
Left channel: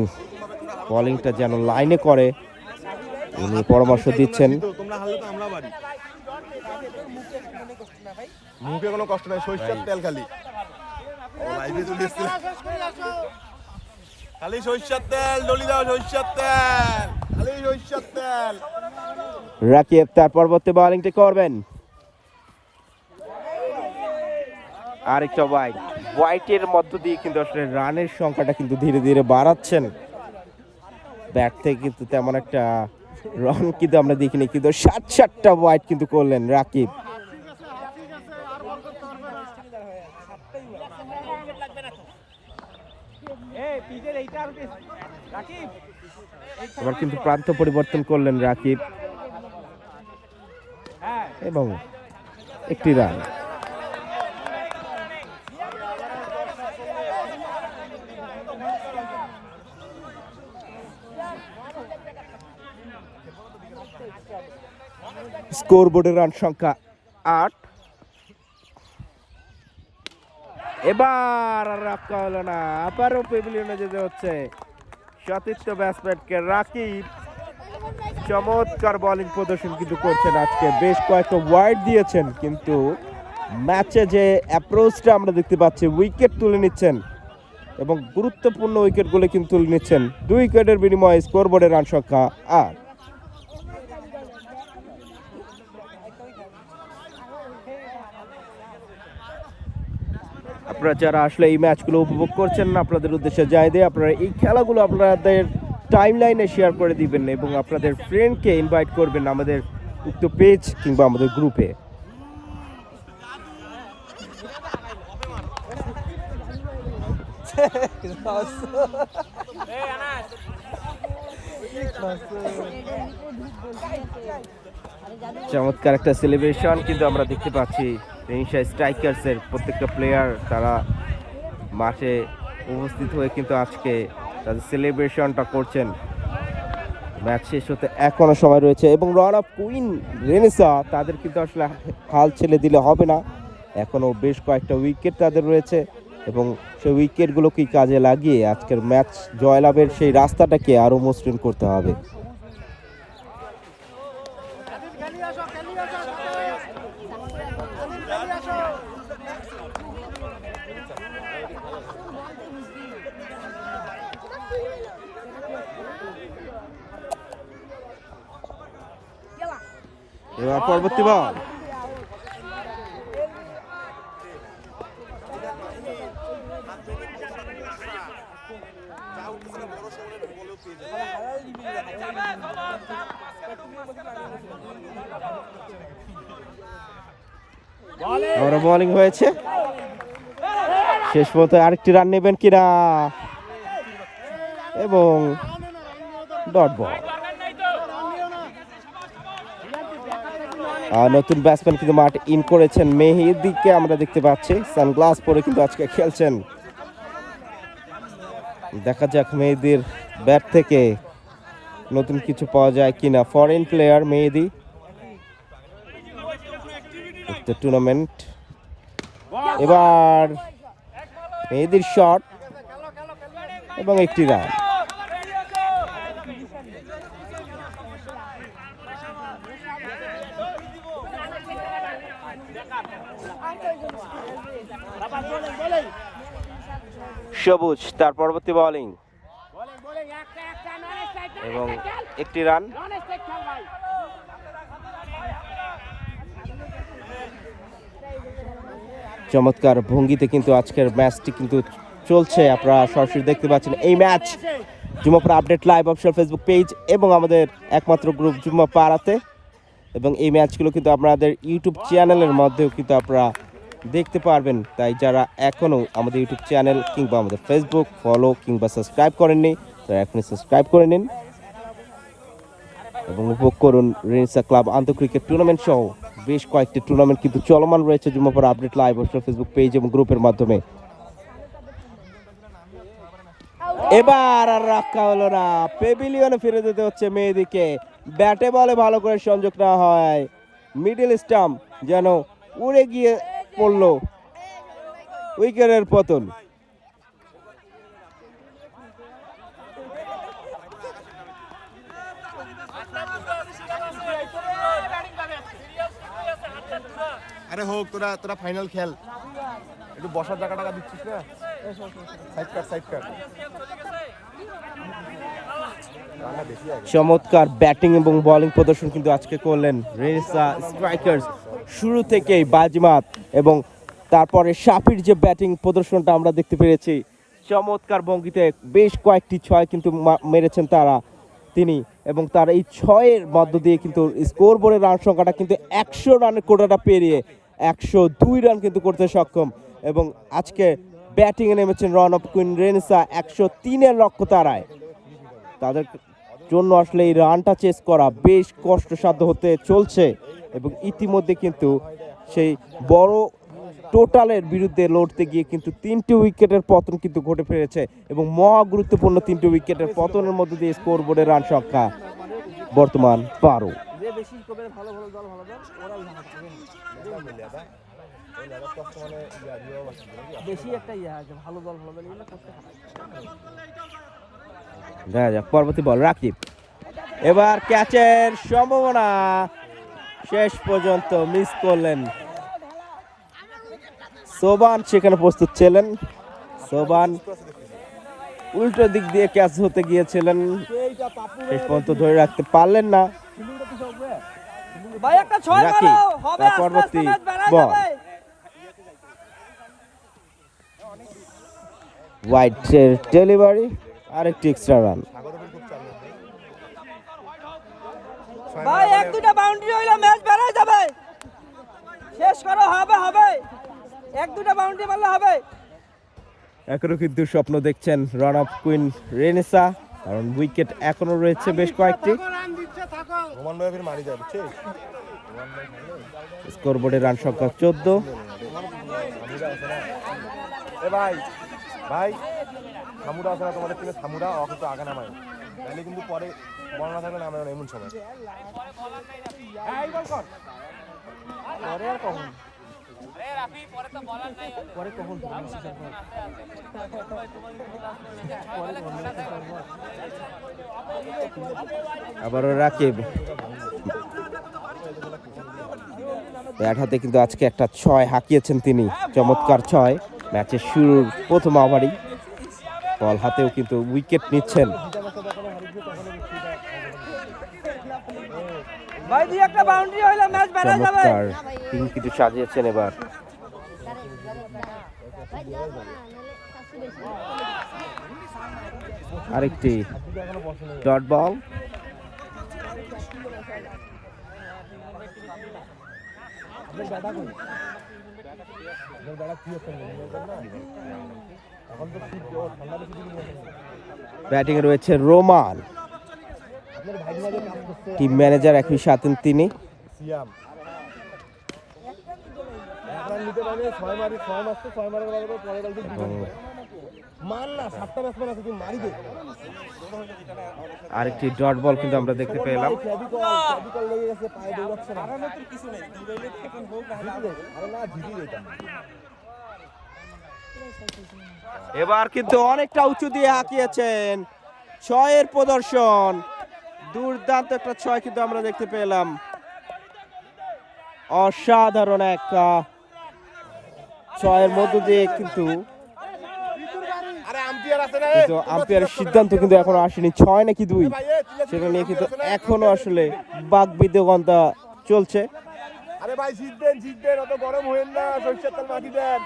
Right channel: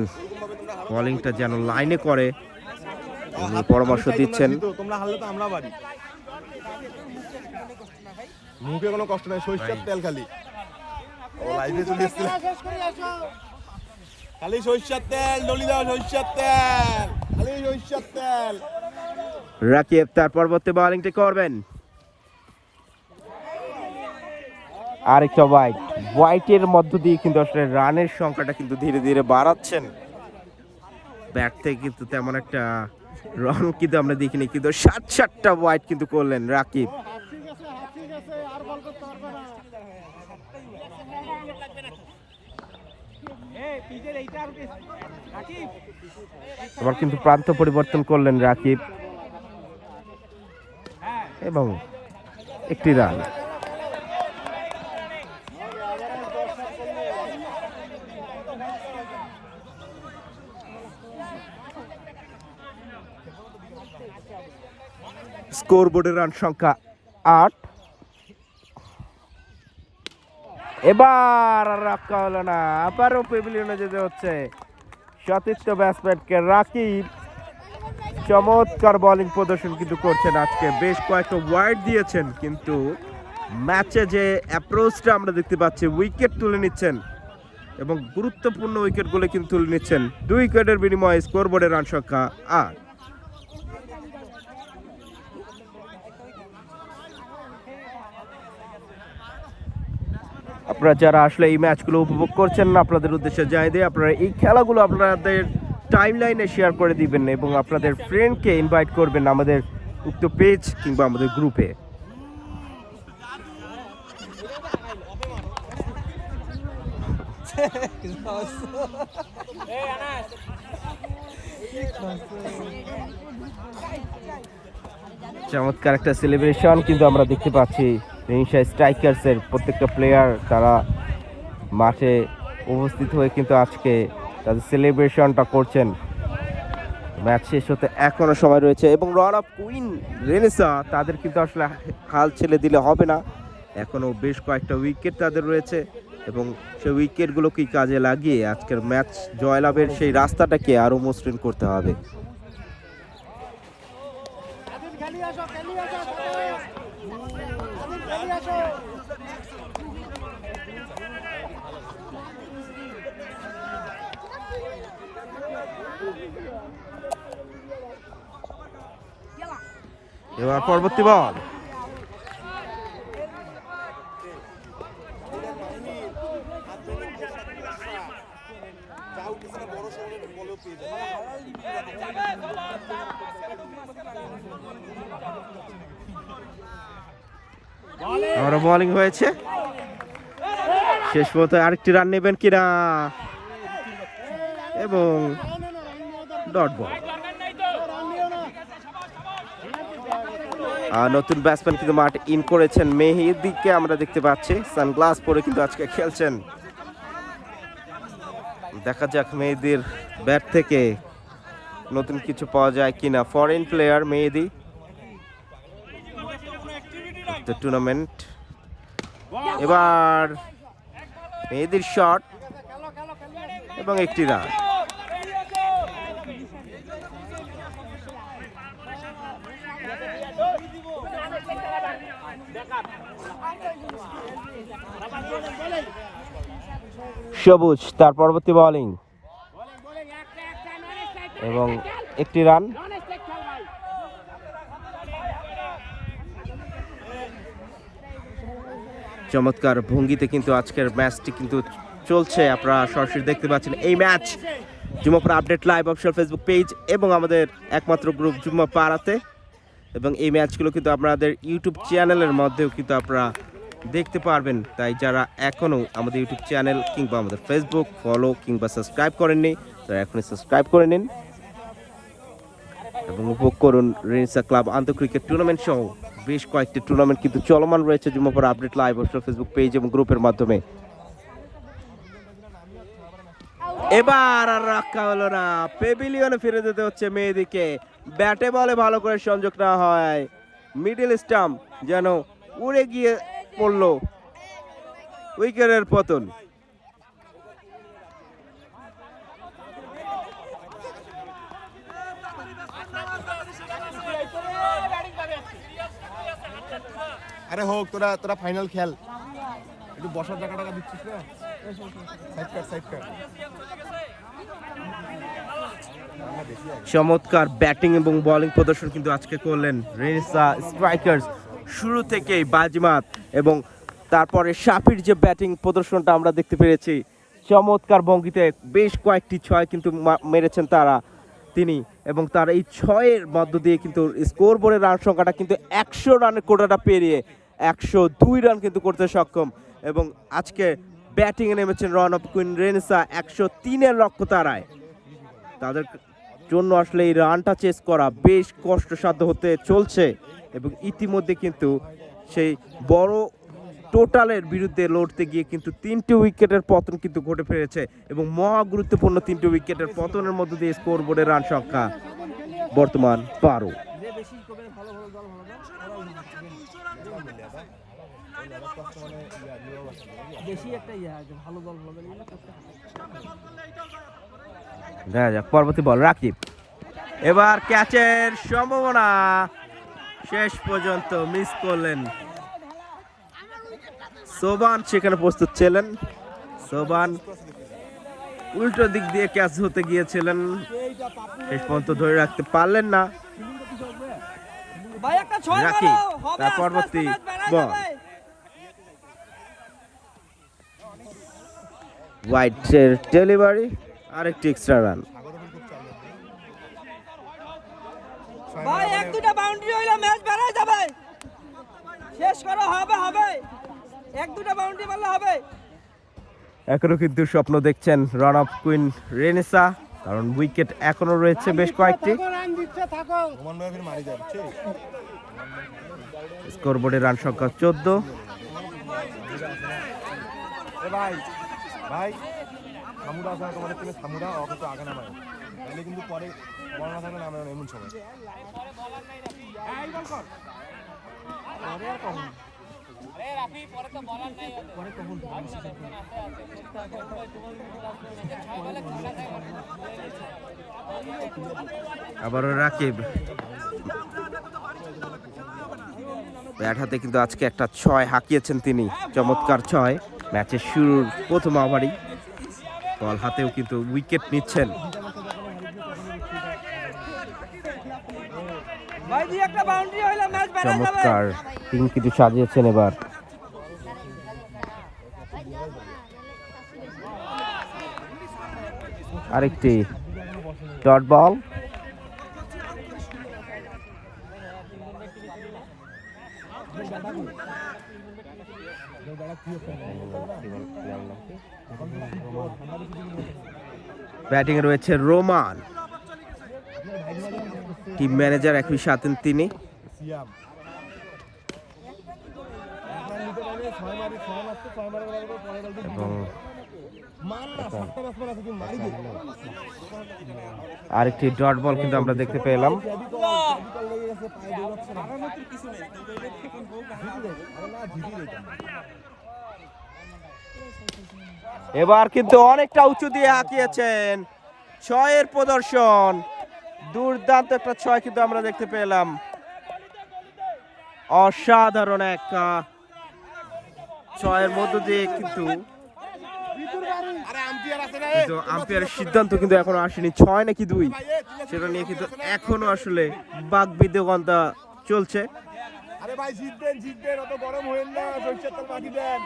বোলিংটা যেন লাইনে করে, উনি পরামর্শ দিচ্ছেন। তোমরা হারলে তো আমরা বাড়ি, মুখে কোনো কষ্ট নাই, সরিষার তেল খালি। ও লাইভে চলে এসেছিল, খালি সরিষার তেল ডলি দাও, সরিষার তেল, খালি সরিষার তেল। রাকিব তার পরবর্তী বোলিংটি করবেন। আরেকটা ওয়াইড। ওয়াইডের মধ্য দিয়ে কিন্তু আসলে রানের সংখ্যাটা কিন্তু ধীরে ধীরে বাড়াচ্ছেন। ব্যাট থেকে কিন্তু তেমন একটা রান কিন্তু আমরা দেখিনি, কিন্তু 7টা ওয়াইড কিন্তু করলেন রাকিব। এবার কিন্তু প্রান্ত পরিবর্তন করলেন রাকিব এবং একটি রান। স্কোর বোর্ডের রান সংখ্যা 8। এবার আর রক্ষা হলো না, আবারও প্যাভিলিয়নে যেতে হচ্ছে সতীর্থ ব্যাটসম্যানকে। রাকিব চমৎকার বোলিং প্রদর্শন কিন্তু করছেন আজকে, বেশ কয়েকটা ওয়াইড দিয়েছেন, কিন্তু ম্যাচে যে অ্যাপ্রোচটা আমরা দেখতে পাচ্ছি, উইকেট তুলে নিচ্ছেন এবং গুরুত্বপূর্ণ উইকেটগুলো কিন্তু তুলে নিচ্ছেন। 2 উইকেটের বিনিময়ে স্কোর বোর্ডের রান সংখ্যা 8। আপনারা যারা আসলে এই ম্যাচগুলো উপভোগ করছেন না, আপনাদের উদ্দেশ্যে জানিয়ে দিই, আপনারা এই খেলাগুলো আপনাদের টাইম লাইনে শেয়ার করে দিবেন এবং আপনাদের ফ্রেন্ডকে ইনভাইট করবেন আমাদের উক্ত পেজ কিংবা আমাদের গ্রুপে। চমৎকার একটা সেলিব্রেশন কিন্তু আমরা দেখতে পাচ্ছি। রেনিশা স্ট্রাইকার্সের প্রত্যেকটা প্লেয়ার তারা মাঠে উপস্থিত হয়ে কিন্তু আজকে তাদের সেলিব্রেশনটা করছেন। ম্যাচ শেষ হতে এখনো সময় রয়েছে এবং রান অফ কুইন রেনেসা তাদের কিন্তু আসলে হাল ছেড়ে দিলে হবে না, এখনো বেশ কয়েকটা উইকেট তাদের রয়েছে এবং সেই উইকেটগুলোকে কাজে লাগিয়ে আজকের ম্যাচ জয়লাভের সেই রাস্তাটাকে আরও মসৃণ করতে হবে। এবার পরবর্তী বল, আবারও বোলিং হয়েছে। শেষ পর্যন্ত আরেকটি রান নেবেন কিনা এবং ডট বল। নতুন ব্যাটসম্যান কিন্তু মাঠ ইন করেছেন মেহেদিকে আমরা দেখতে পাচ্ছি, সানগ্লাস পরে কিন্তু আজকে খেলছেন। দেখা যাক মেহেদির ব্যাট থেকে নতুন কিছু পাওয়া যায় কিনা। ফরেন প্লেয়ার মেহেদি, টুর্নামেন্ট। এবার মেহেদির শট এবং একটি রান। সবুজ তার পরবর্তী বোলিং এবং একটি রান। চমৎকার ভঙ্গিতে কিন্তু আজকের ম্যাচটি কিন্তু চলছে, আপনারা সরাসরি দেখতে পাচ্ছেন। এই match Jummapara update live official Facebook page এবং আমাদের একমাত্র গ্রুপ জুম্মাপাড়াতে, এবং এই ম্যাচগুলো কিন্তু আপনাদের ইউটিউব চ্যানেলের মধ্যেও কিন্তু আপনারা দেখতে পারবেন। তাই যারা এখনও আমাদের ইউটিউব চ্যানেল কিংবা আমাদের ফেসবুক ফলো কিংবা সাবস্ক্রাইব করেননি, তারা এখনই সাবস্ক্রাইব করে নিন এবং উপভোগ করুন রেনেসা ক্লাব আন্তঃক্রিকেট টুর্নামেন্ট সহ বেশ কয়েকটি টুর্নামেন্ট কিন্তু চলমান রয়েছে Jummapara update live official Facebook page এবং গ্রুপের মাধ্যমে। এবার আর রক্ষা হলো না, পেভিলিয়নে ফিরে যেতে হচ্ছে মেহেদিকে। ব্যাটে বলে ভালো করে সংযোগ না হয়, মিডল স্টাম্প যেন উড়ে গিয়ে পড়ল, উইকেটের পতন। আরে হোক, তোরা তোরা ফাইনাল খেল, একটু বসার জায়গা টাকা দিচ্ছিস না, সাইড কাট সাইড কাট। চমৎকার ব্যাটিং এবং বোলিং প্রদর্শন কিন্তু আজকে করলেন রেনেসা স্ট্রাইকার্স। শুরু থেকেই বাজিমাত এবং তারপরে শাফির যে ব্যাটিং প্রদর্শনটা আমরা দেখতে পেরেছি, চমৎকার ভঙ্গিতে বেশ কয়েকটি ছয় কিন্তু মেরেছেন তিনি, এবং তার এই ছয়ের মধ্য দিয়ে কিন্তু স্কোর বোর্ডের রান সংখ্যাটা কিন্তু 100 রানের কোটাটা পেরিয়ে 102 রান কিন্তু করতে সক্ষম। এবং আজকে ব্যাটিংয়ে নেমেছেন রান অফ কুইন রেনেসা 103-এর লক্ষ্য তারায়। তাদের জন্য আসলে এই রানটা চেস করা বেশ কষ্টসাধ্য হতে চলছে, এবং ইতিমধ্যে কিন্তু সেই বড় টোটালের বিরুদ্ধে লড়তে গিয়ে কিন্তু 3টি উইকেটের পতন কিন্তু ঘটে ফিরেছে, এবং মহা গুরুত্বপূর্ণ 3টি উইকেটের পতনের মধ্য দিয়ে স্কোর বোর্ডের রান সংখ্যা বর্তমান 12। দেখা যাক পরবর্তী বল রাকিব। এবার ক্যাচের সম্ভাবনা, শেষ পর্যন্ত মিস করলেন সোবান, সেখানে প্রস্তুত ছিলেন সোবান, উল্টো দিক দিয়ে ক্যাচ হতে গিয়েছিলেন, শেষ পর্যন্ত ধরে রাখতে পারলেন না রাকিব। তার পরবর্তী বল ওয়াইডের ডেলিভারি, আরেকটি এক্সট্রা রান। ভাই 1-2টা বাউন্ডারি হইলে ম্যাচ বেড়ে যাবে, শেষ করো, হবে 1-2টা বাউন্ডারি মারলে হবে। এখনো কিন্তু স্বপ্ন দেখছেন রান অফ কুইন রেনেসা, কারণ উইকেট এখনো রয়েছে বেশ কয়েকটি। স্কোর বোর্ডের রান সংখ্যা 14। ভাই ভাই সামুরা আছে না তোমাদের টিমে, সামুরা ও কিন্তু আগে নামায়, তাহলে কিন্তু পরে বর্ণনা থাকবে না আমরা এমন সময়। আবারও রাকিব ব্যাট হাতে কিন্তু আজকে একটা 6 হাঁকিয়েছেন তিনি, চমৎকার 6 ম্যাচের শুরুর প্রথম ওভারই। বল হাতেও কিন্তু উইকেট নিচ্ছেন। ভাই এই দুই একটা বাউন্ডারি হইলে ম্যাচ বেড়ে যাবে চমৎকার টিম কিন্তু সাজিয়েছেন এবার। আরেকটি ডট বল, ব্যাটিং রয়েছে রোমান, টিম ম্যানেজার একই সাথে তিনি। সিয়াম এক রান নিতে পারবে, 6 মারি 6 মারছে, 6 মারার পরে পরের বলতে এবং মার না, 7টা ব্যাটসম্যান আছে, তুমি মারি দে। আরেকটি ডট বল কিন্তু আমরা দেখতে পেলাম। ক্যাবি কল লেগে গেছে, পায়ে দৌড়াচ্ছে না। আরামের কিছু নেই, কিন্তু এই এখন হোক জিতি দে, আরে না জিতি দে। এবার কিন্তু অনেকটা উঁচু দিয়ে হাঁকিয়েছেন, 6-এর প্রদর্শন, দুর্দান্ত একটা 6 কিন্তু আমরা দেখতে পেলাম। অসাধারণ একটা 6-এর মধ্য দিয়ে কিন্তু আরে আম্পায়ার আছে না, আম্পায়ারের সিদ্ধান্ত কিন্তু এখনো আসেনি 6 নাকি 2, সেটা নিয়ে কিন্তু এখনো আসলে বাকবিতণ্ডা চলছে। আরে ভাই জিতবেন, অত গরম হয়েন না, সরষের তেল মাটি দেন।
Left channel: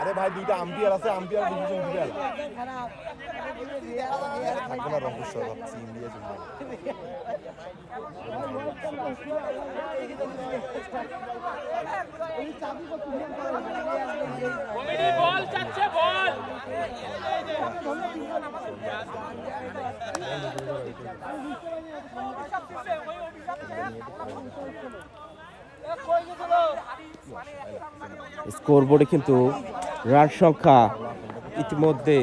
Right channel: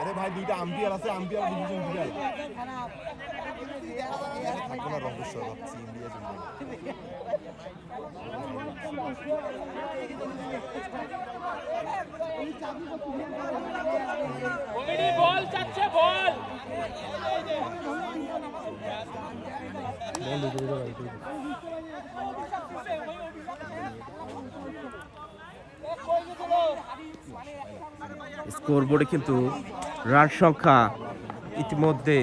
আরে ভাই দুইটা আম্পায়ার আছে, আম্পায়ার ডিসিশন দিবে। থাকবে না রঙ্গেশ্বর, ভাবছি ইন্ডিয়া জিতবে। বল চাচ্ছে বল স্কোরবোর্ডে কিন্তু রান সংখ্যা ইতিমধ্যে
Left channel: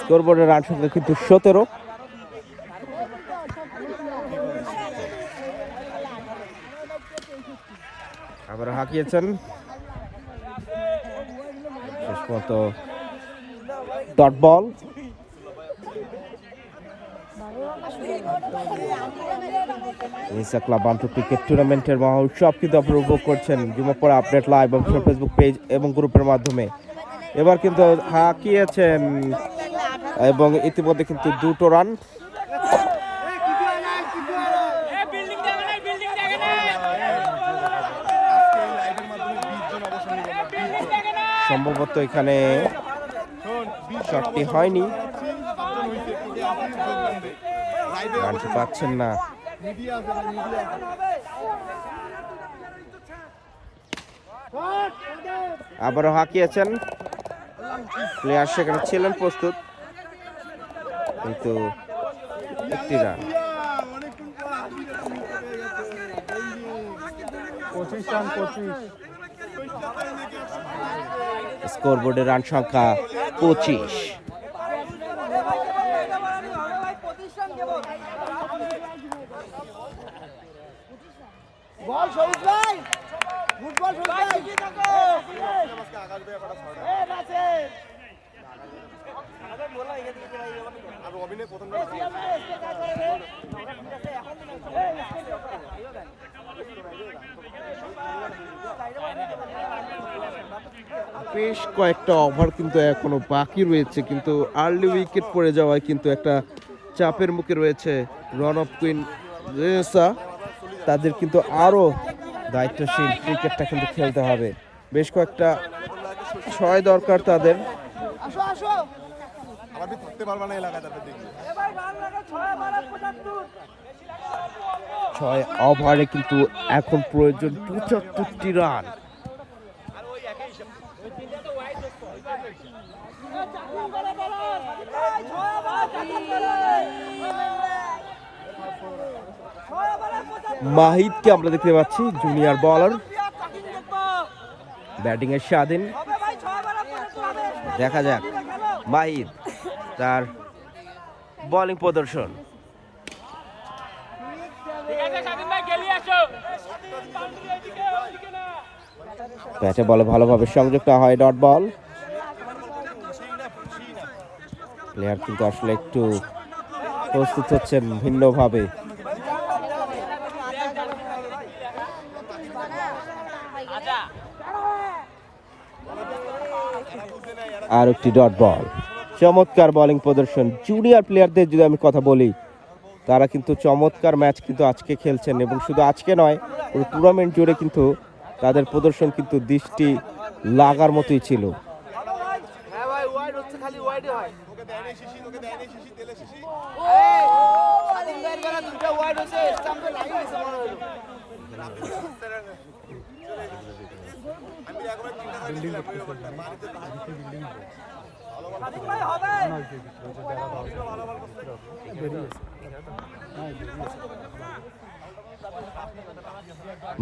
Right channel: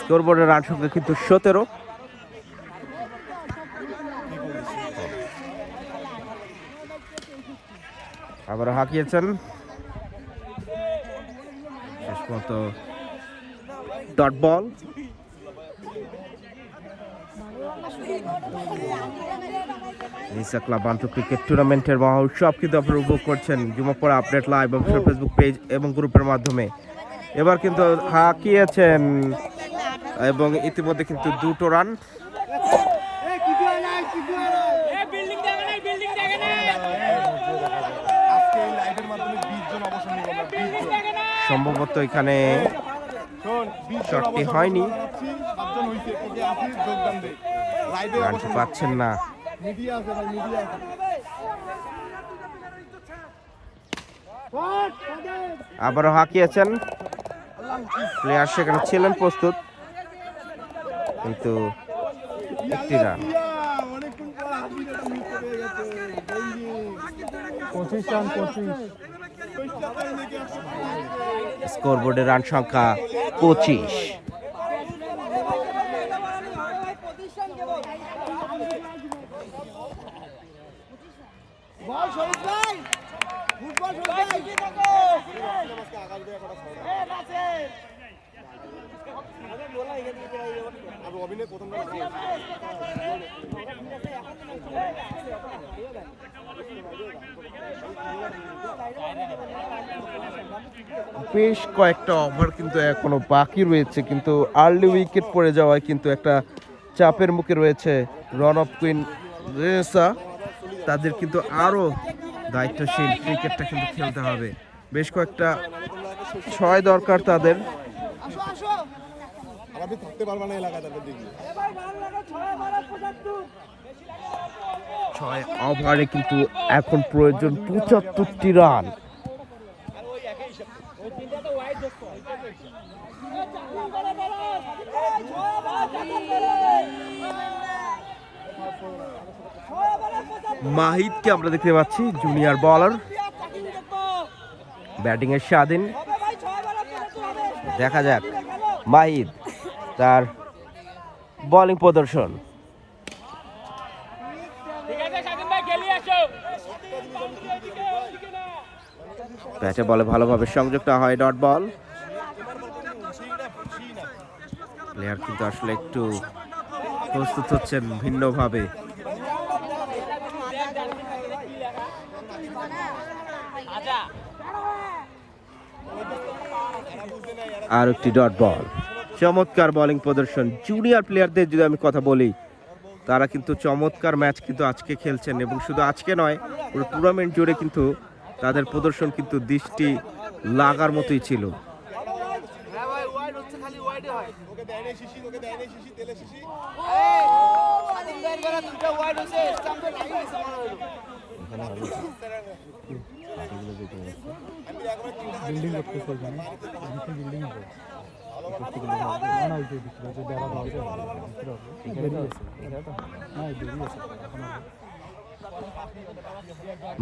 স্কোরবোর্ডের রান সংখ্যা কিন্তু 17। আবার হাঁকিয়েছেন, শেষ পর্যন্ত ডট বল। ক্লাব আন্তর্জাতিক ক্রিকেট টুর্নামেন্টের মহা উৎসব কিন্তু আপনারা উপভোগ করছেন যুবপড়া update live official Facebook page এবং গ্রুপের মাধ্যমে। এবার কিন্তু হাঁকিয়েছেন এবং ইতিমধ্যে কিন্তু 2টো রান। আজকে এই লাইভের মাধ্যমে 20 জন অবসর নিব আমরা, 20 জন। সম্ভবত এখানে শোন, 20 জন শটটি অবসর হয়নি, 7 জন হইছে, কে কে আসিস যোগদান দে। লাইভে রানটি অবসর পাচ্ছেন না। মিডিয়া আছে ভাই, মিডিয়া আছে। আবারও হাঁকিয়েছেন, প্লেয়ার সেখানে ছিলেন প্রস্তুত, কিন্তু একটি রান। অনেকক্ষণ পর হাসি দেখে মিস হয়ে গেছে। স্কোরবোর্ডের রান সংখ্যা 25। বল শহীদ ভাই, ফুটবল শহীদ ভাই। বেশ কয়েকটা ওভার কিন্তু এখনো বাকি রয়েছে, কিন্তু আর্লি উইকেট পড়ে যাওয়ায় কিন্তু একটা চাপের মুখে রয়েছে রন অফ কুইন রেনেসা। তাদের কিন্তু আরও দায়িত্বশীল ক্রিকেটটা কিন্তু খেলতে হবে, বেশ কয়েকটা 6 দরকার তাদের। আসো আসো, আমাদের থাকতে পারবে না এলাকায়, তাদের দেখি 6 ওভারে কিন্তু এখন প্রয়োজন 75টি রান। মাহিদকে আমরা দেখতে পাচ্ছি, জুনিয়র বলার, ব্যাটিং এর স্বাধীন। দেখা যাক মাহিদ তার বোলিং প্রদর্শন। ব্যাটে বলে ভালোভাবে সংযুক্ত হয়, ডট বল। প্লেয়ার কিন্তু আসলে একটু প্রস্তুত হচ্ছেন ভিন্নভাবে। আর একটি ডট বল, চমৎকার বোলিং প্রদর্শন জুনিয়র প্লেয়ারদের যদি আমি কথা বলি, তারা কিন্তু চমৎকার ম্যাচ কিন্তু আজকে খেলছেন এবং শুধু আজকে নয় পুরো টুর্নামেন্ট জুড়ে কিন্তু তাদের প্রদর্শন কিন্তু দৃষ্টি লাগার মতোই ছিল।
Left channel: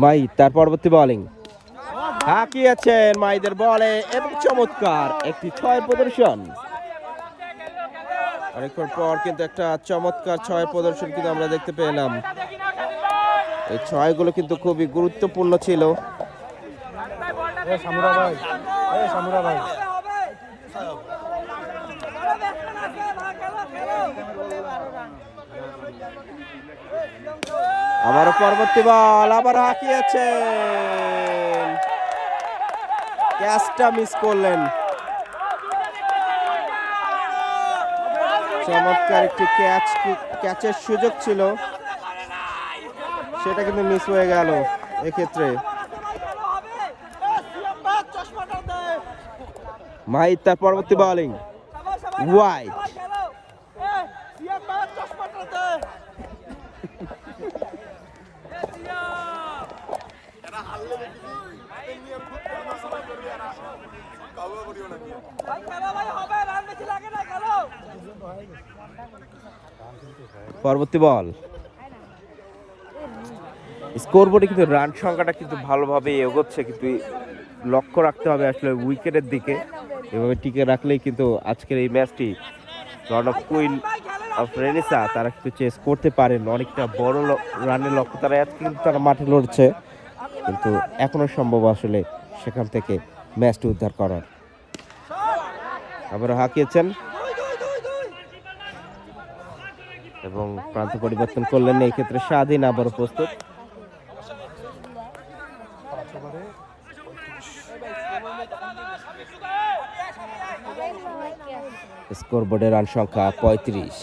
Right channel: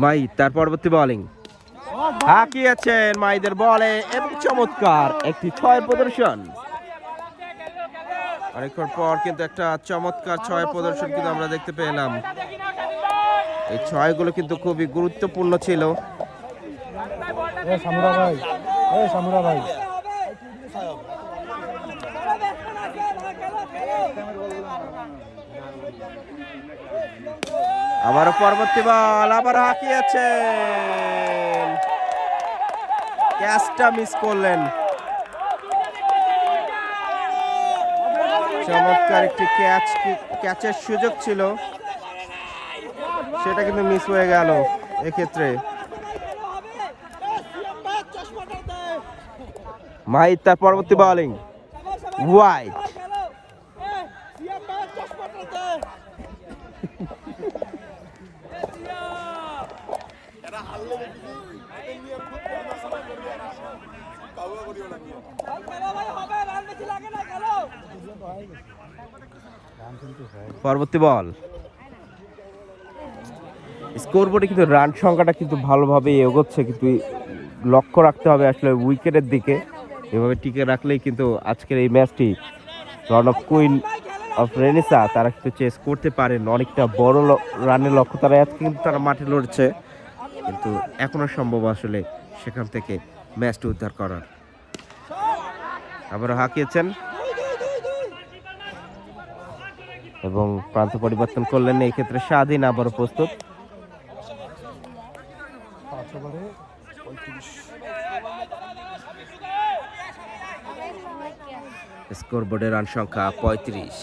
মাই তার পরবর্তী বোলিং হাঁকিয়েছেন মাইদের বলে এবং চমৎকার একটি 6 প্রদর্শন। অনেকক্ষণ পর কিন্তু একটা চমৎকার 6 প্রদর্শন কিন্তু আমরা দেখতে পেলাম। এই 6গুলো কিন্তু খুবই গুরুত্বপূর্ণ ছিল। আবারও পরবর্তী বল, আবার হাঁকিয়েছেন, ক্যাচটা মিস করলেন। চমৎকার একটি ক্যাচের সুযোগ ছিল, সেটা কিন্তু মিস হয়ে গেল এক্ষেত্রে। মাহিদ তার পরবর্তী বোলিং ওয়াইড, পরবর্তী বল। স্কোরবোর্ডে কিন্তু রান সংখ্যাটা কিন্তু ভালোভাবে এগোচ্ছে, কিন্তু লক্ষ্য রাখতে হবে আসলে উইকেটের দিকে। এভাবে টিকে রাখলেই কিন্তু আজকের এই ম্যাচটি run of queen of Renaissance তারা কিন্তু চেস করতে পারেন। অনেকটা বড় রানের লক্ষ্য তারা আজকে কিন্তু তারা মাঠে লড়ছে, কিন্তু এখনো সম্ভব আসলে সেখান থেকে ম্যাচটি উদ্ধার করার। আবারও হাঁকিয়েছেন এবং প্রান্ত পরিবর্তন করলেন, এই ক্ষেত্রে স্বাধীন আবারও প্রস্তুত। স্কোরবোর্ডে রান সংখ্যা 35।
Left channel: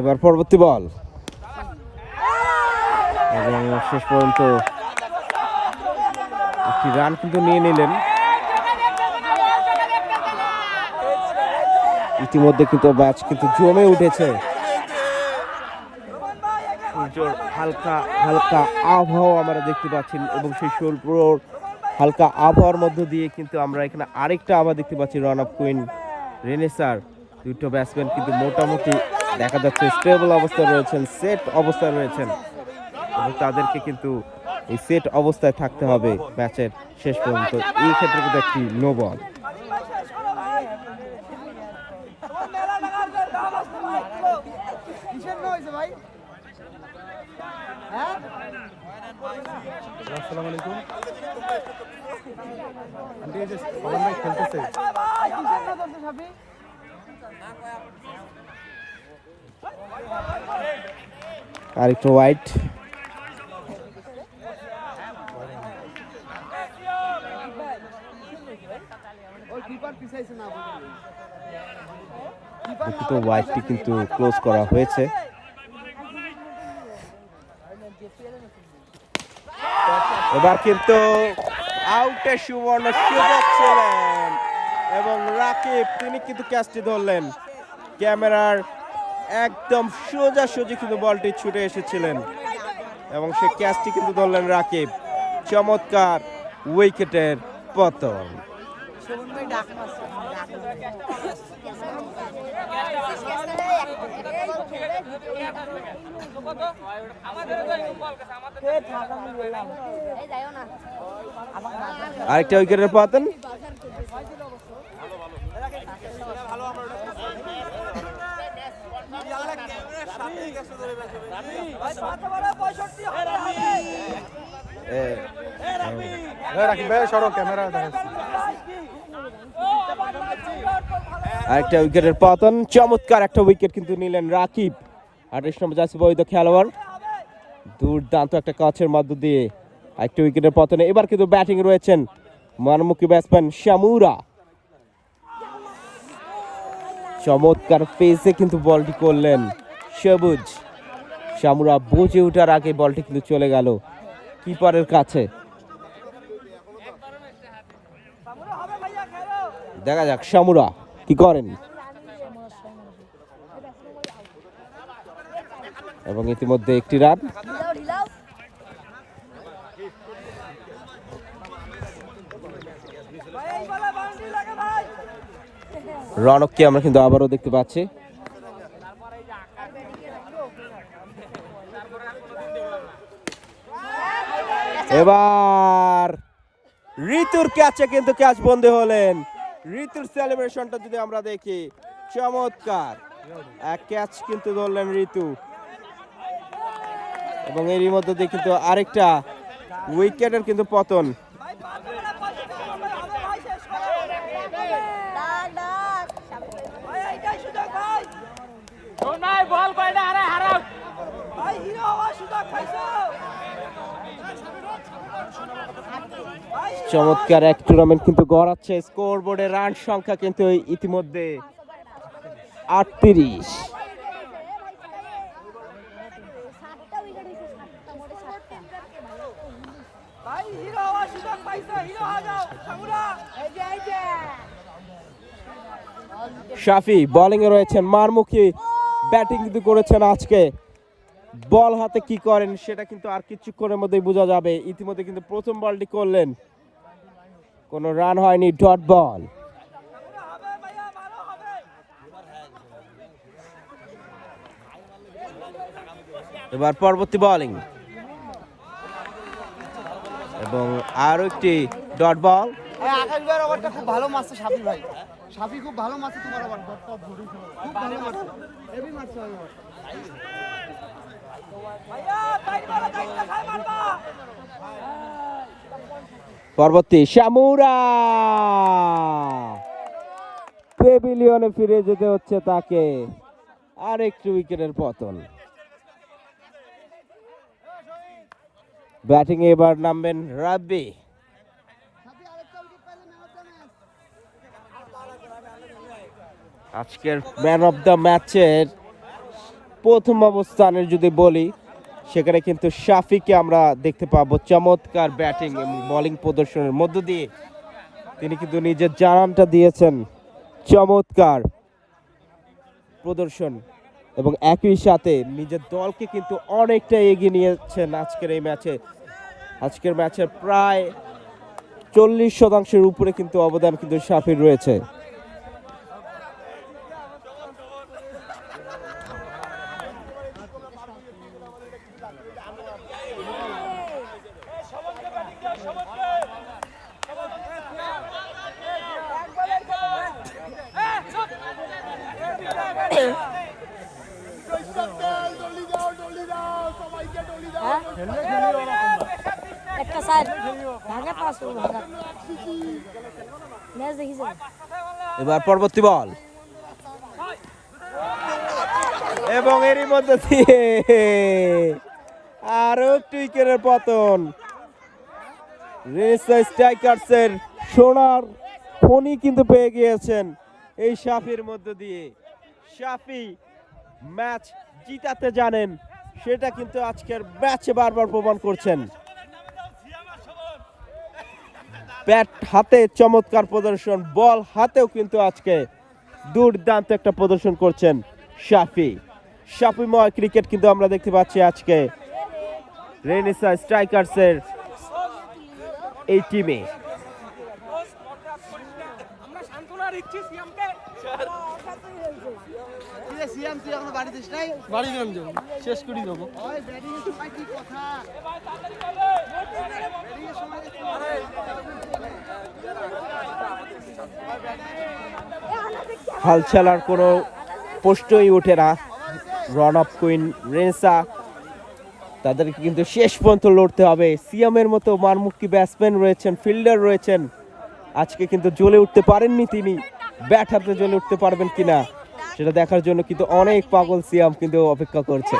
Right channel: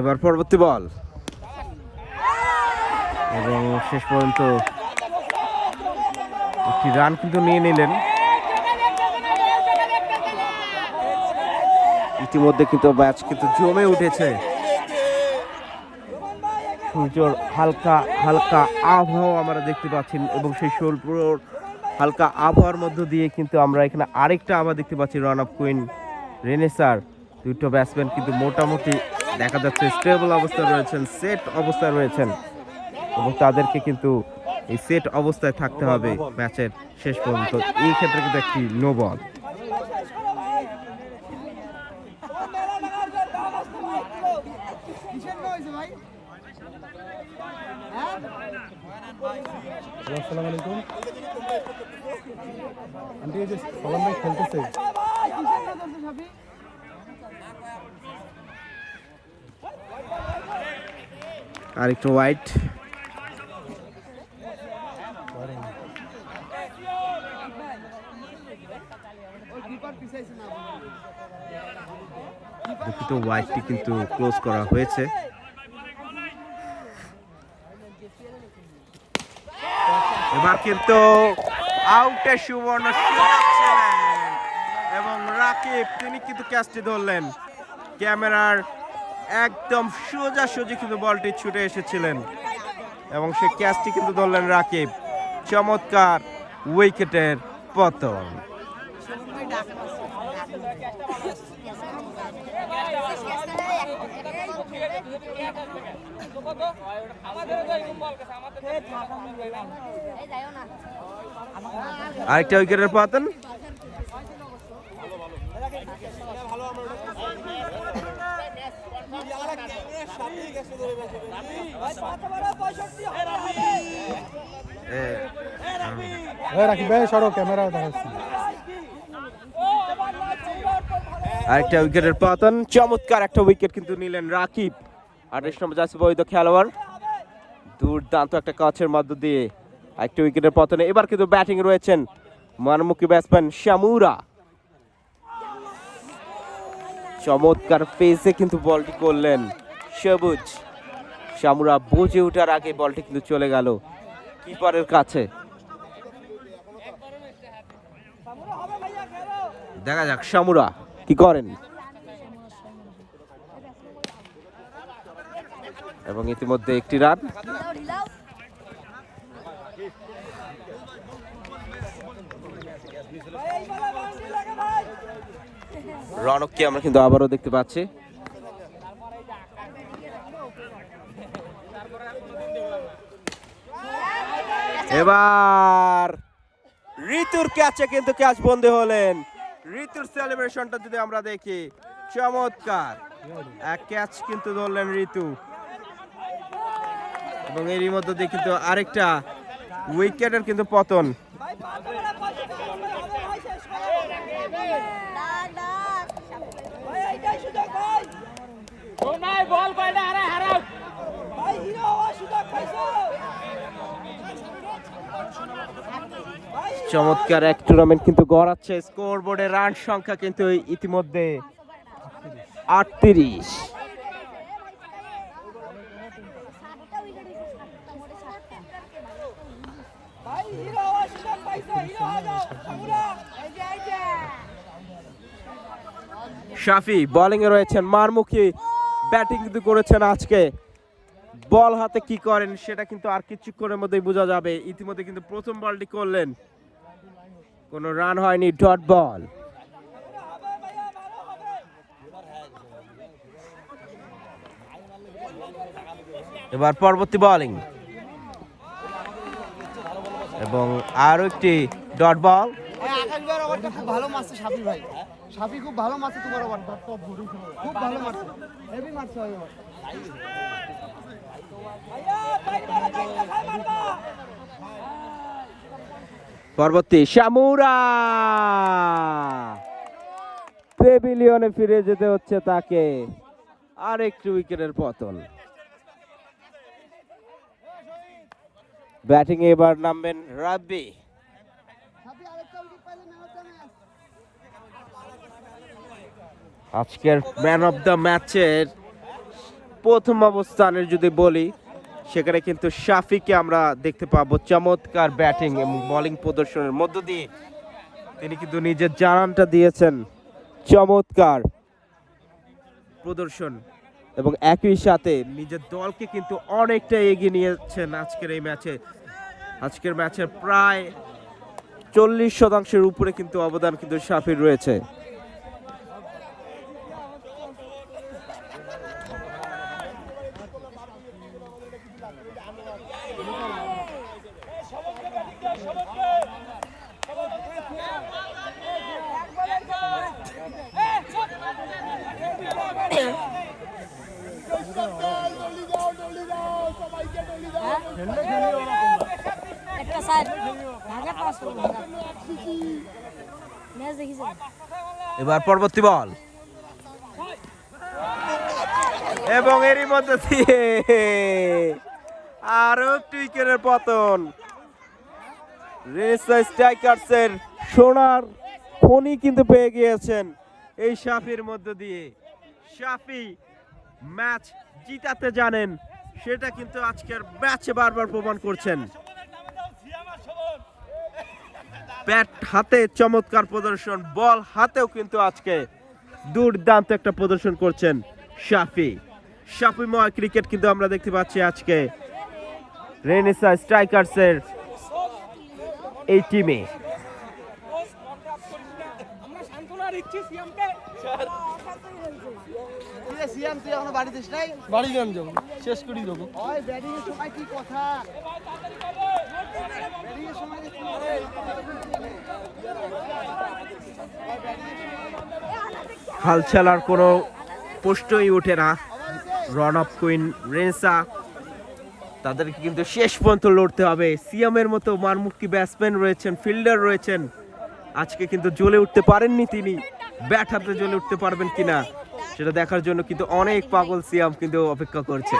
এবার পরবর্তী বল এবং শেষ পর্যন্ত একটি রান কিন্তু নিয়ে নিলেন। ইতিমধ্যে কিন্তু ম্যাচ কিন্তু জমে উঠেছে। সূর্যর হালকা হালকা আবহাওয়া আমরা দেখতে পাচ্ছি এবং সেই স্বল্প হালকা আবহাওয়ার মধ্য দিয়ে কিন্তু আমরা এখানে আরেকটা আবার দেখতে পাচ্ছি রান অফ কুইন রেনেসার। দুটো ব্যাটসম্যান কিন্তু মোটামুটি দেখা যাচ্ছে স্টেবল অবস্থায় রয়েছেন, সেট অবস্থায় রয়েছেন এবং তাদেরকে কিন্তু এই সেট অবস্থায় থাকতে হবে ম্যাচের শেষ পর্যন্ত। এই ক্ষেত্রে কিন্তু একটি নো বল। আরেকটু ওয়াইড, দুঃখিত ওয়াইডটি কিন্তু ক্লোজ করা হয়েছে। এবার কিন্তু আউটের সুবর্ণ সুযোগ ছিলেন এবং রাকিব তিনি কিন্তু ক্যাচটি ধরলেন। ক্যামেরার একদম সোজাসুজি কিন্তু বলটি ছুটে এসেছিলেন এবং সে ক্যাচটি কিন্তু ধরলেন রাকিব। চমৎকার উইকেটের পতন। এই যাইও না আরেকটা উইকেটের পতন। আরেকটা উইকেটের পতন। চমৎকার একটা উইকেট কিন্তু নিলেন রাকিব, 28 নম্বর জার্সি বৈধ খেলোয়াড়। দুর্দান্ত একটা কাচের মধ্য দিয়ে একটা উইকেটের পতনে এবার কিন্তু ব্যাটিং রয়েছেন মানমুখী ব্যাটসম্যান শামুরা। চমৎকার পেসে কিন্তু বলটি করলেন সবুজ। শামুরা বুঝে ওঠার আগে বলটি কিন্তু চলে গেল কিপারের কাছে। দেখা যাক শামুরা কি করেন। এবং ইতিমধ্যে একটি রান। ঢিলাও রনককে আমরা কিন্তু আবারও দেখতে পাচ্ছি। এবার ঋতুর ক্যাচে কিন্তু ক্যাচ বন্দী হলেন। ঋতুর সেলিব্রেশনটা যদি আমরা দেখি, চমৎকার এক ক্যাচ কিন্তু ধরলেন ঋতু এবং এরই মধ্যে দিয়ে কিন্তু আরেকটা উইকেটের কিন্তু পতন। চমৎকার এক টুর্নামেন্ট কিন্তু গড়াচ্ছে। স্কোর বোর্ডে রান সংখ্যা কিন্তু ইতিমধ্যে 38। শাফি বোলিং এ রয়েছেন, মারমুখী ব্যাটিং কিন্তু করেছেন আজকে। বল হাতে কি করেন সেটা কিন্তু আর কিছুক্ষণের মধ্যেই বোঝা যাবে। ইতিমধ্যে কিন্তু প্রথম বলটি করলেন, কোনো রান হয়নি, ডট বল। এবার পরবর্তী বোলিং এবং আরো একটি ডট বল। আকাশ ভাইয়ের ওভারটা খুব ভালো মারছে সাফি ভাই। সাফি খুব ভালো মারছে তোমার ওভারটা, খুব ভালো মারছে, হেভি মারছে ওই ওভার। পরবর্তী শামুরা, পেভিলিয়নে ফিরে যেতে হচ্ছে তাকে। আর একটু উইকেটের পতন। ব্যাটিং এ এবার নামবেন রাব্বি। আজকের ম্যান অফ দ্য ম্যাচের প্রথম অবস্থানের যদি বলি, সেখানে কিন্তু শাফিকে আমরা দেখতে পাবো। চমৎকার ব্যাটিং এবং বোলিং প্রদর্শনের মধ্য দিয়ে তিনি কিন্তু নিজের জানানটা দিয়েছেন। চমৎকার প্রদর্শন এবং একই সাথে নিজের দলকে কিন্তু অনেকটা এগিয়ে নিয়েছেন আজকের এই ম্যাচে। আজকের ম্যাচের প্রায় 40% উপরে কিন্তু অবদান কিন্তু শাফির রয়েছে। একটা সাইড ভাঙা পাস করো ভাঙা ম্যাচ দেখি যাবে। এবার পরবর্তী বল এবং এরই মধ্যে দিয়ে আরো একটি উইকেটের পতন। স্ট্রাইকার্সের সোনার খনি কিন্তু পেয়ে গিয়েছেন এই শাফির মধ্য দিয়ে। শাফি ম্যাচ জিতাতে জানেন, সেটা কিন্তু আজকের ম্যাচে বারবার প্রমাণ করছেন। ব্যাট হাতে চমৎকার প্রদর্শন, বল হাতেও কিন্তু আজকে দুর্দান্ত একটা প্রদর্শন করছেন শাফি। সাপিময় ক্রিকেট কিন্তু আমরা দেখতে পাচ্ছি আজকে রেনেসা স্ট্রাইকার্সের এই টিমে। সিএম তুই এখনো বাড়ি দিস নাই? বাড়ি গান যাবো, শেষ করি দেবো। ওই ব্যাটিং এর সময় কি কথা? ব্যাটিং এর সময় হাল ছাড়ার কোনো প্রশ্নই ওঠে না। রান অফ কুইন রেনেসা, তাদেরকে কিন্তু শেষ পর্যন্ত লড়তে হবে। সিয়ামের মতো মারমুখী ব্যাটসম্যান রয়েছেন, ফিল্ডার রয়েছেন, আজকে কিন্তু জ্বলে উঠতে পারেননি তিনি। ব্যাট হাতে জ্বলে উঠতে পারবেন কিনা সেটা দেখার জন্য কিন্তু অনেক পাগল সিয়াম কিন্তু অপেক্ষা করছে।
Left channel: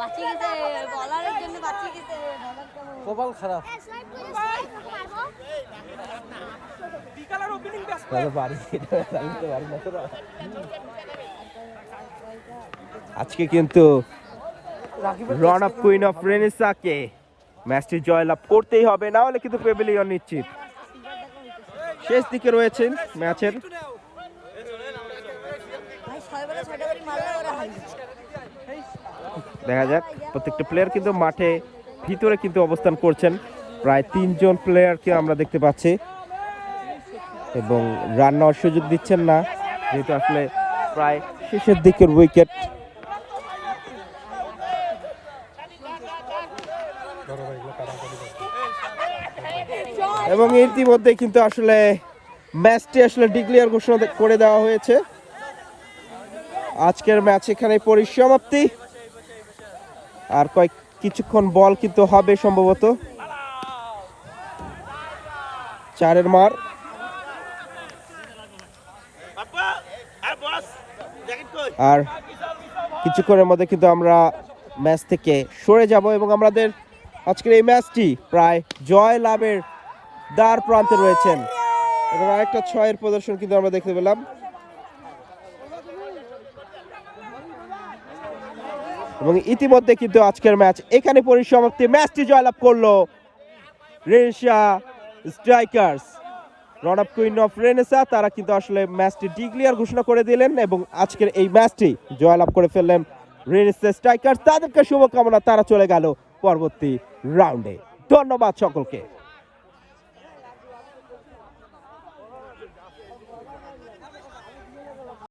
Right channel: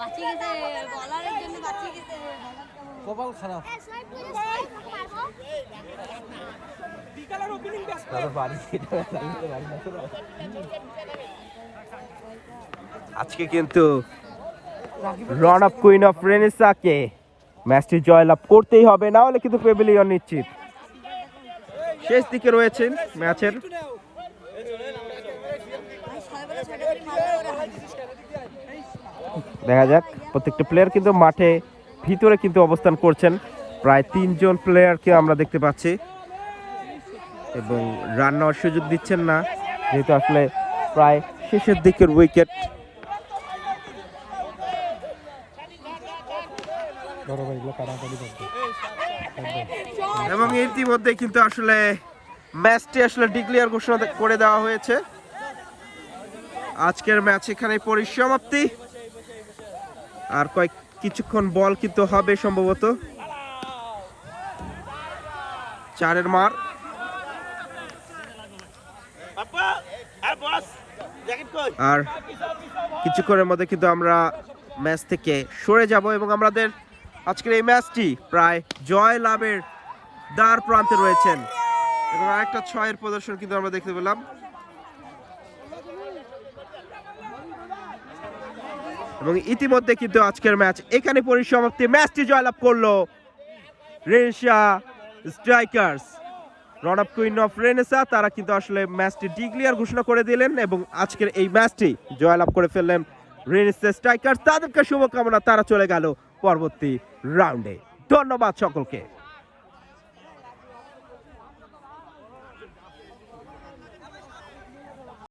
বাঁচিয়ে গেছে, বলারের জন্য বাঁচিয়ে গেছে। কপাল খারাপ। আজকে কিন্তু রান অফ কুইন অফ রেনেসাকে ম্যাচটি জয়লাভ করতেই হবে, না হলে কিন্তু প্যাভিলিয়ন নিশ্চিত। শেষ দিকে রয়েছেন ম্যাচের। ভাই 6 বলে 6টা করে মারলে ওরা হারবে। দেখা যাক, প্রত্যেকটা প্লেয়ার কিন্তু মাঠে ভিতরে কিন্তু অবস্থান করছেন। প্রায় 3 জন প্লেয়ারকে আমরা দেখতে পাচ্ছি এবং রান নেওয়ার সুযোগ দিচ্ছেন না, যেহেতু আসলে প্রায় শেষের দিকের উইকেট। এবং ইতিমধ্যে কিন্তু আসলে ম্যাচটি আসলে ডিক্লেয়ার ঘোষণা করে দেওয়া হয়েছে। আজকের ম্যাচ এখানে পরিসমাপ্তি। আর কিছুক্ষণ বল কিন্তু হবে সম্ভবত। 4 মার। আর কিছুক্ষণের মধ্যে কিন্তু আমরা ম্যাচ থেকে সরে যাব এবং আমাদের আজকের এই ম্যাচটি প্রায় জয় লাভের দ্বার প্রান্তে রয়েছেন। এবং আরেকটা 6-এর প্রদর্শন কিন্তু আমরা দেখতে পেলাম। এবং ইতিমধ্যে কিন্তু আজকের ম্যাচ এখানে পরিসমাপ্তি। ম্যাচটি জয়লাভ করলো Renaissance strikers. Run of queen of Renaissance তারা কিন্তু আসলে ম্যাচটি ডিক্লেয়ার ঘোষণা করে দিলেন এবং আজকের এই ম্যাচটি জয়লাভ করে ফেললেন রেনেসা স্ট্রাইকার্স। তাদেরকে শুভকামনা, তারা চলে গেল পরবর্তী রাউন্ডে। ধন্যবাদ সকলকে।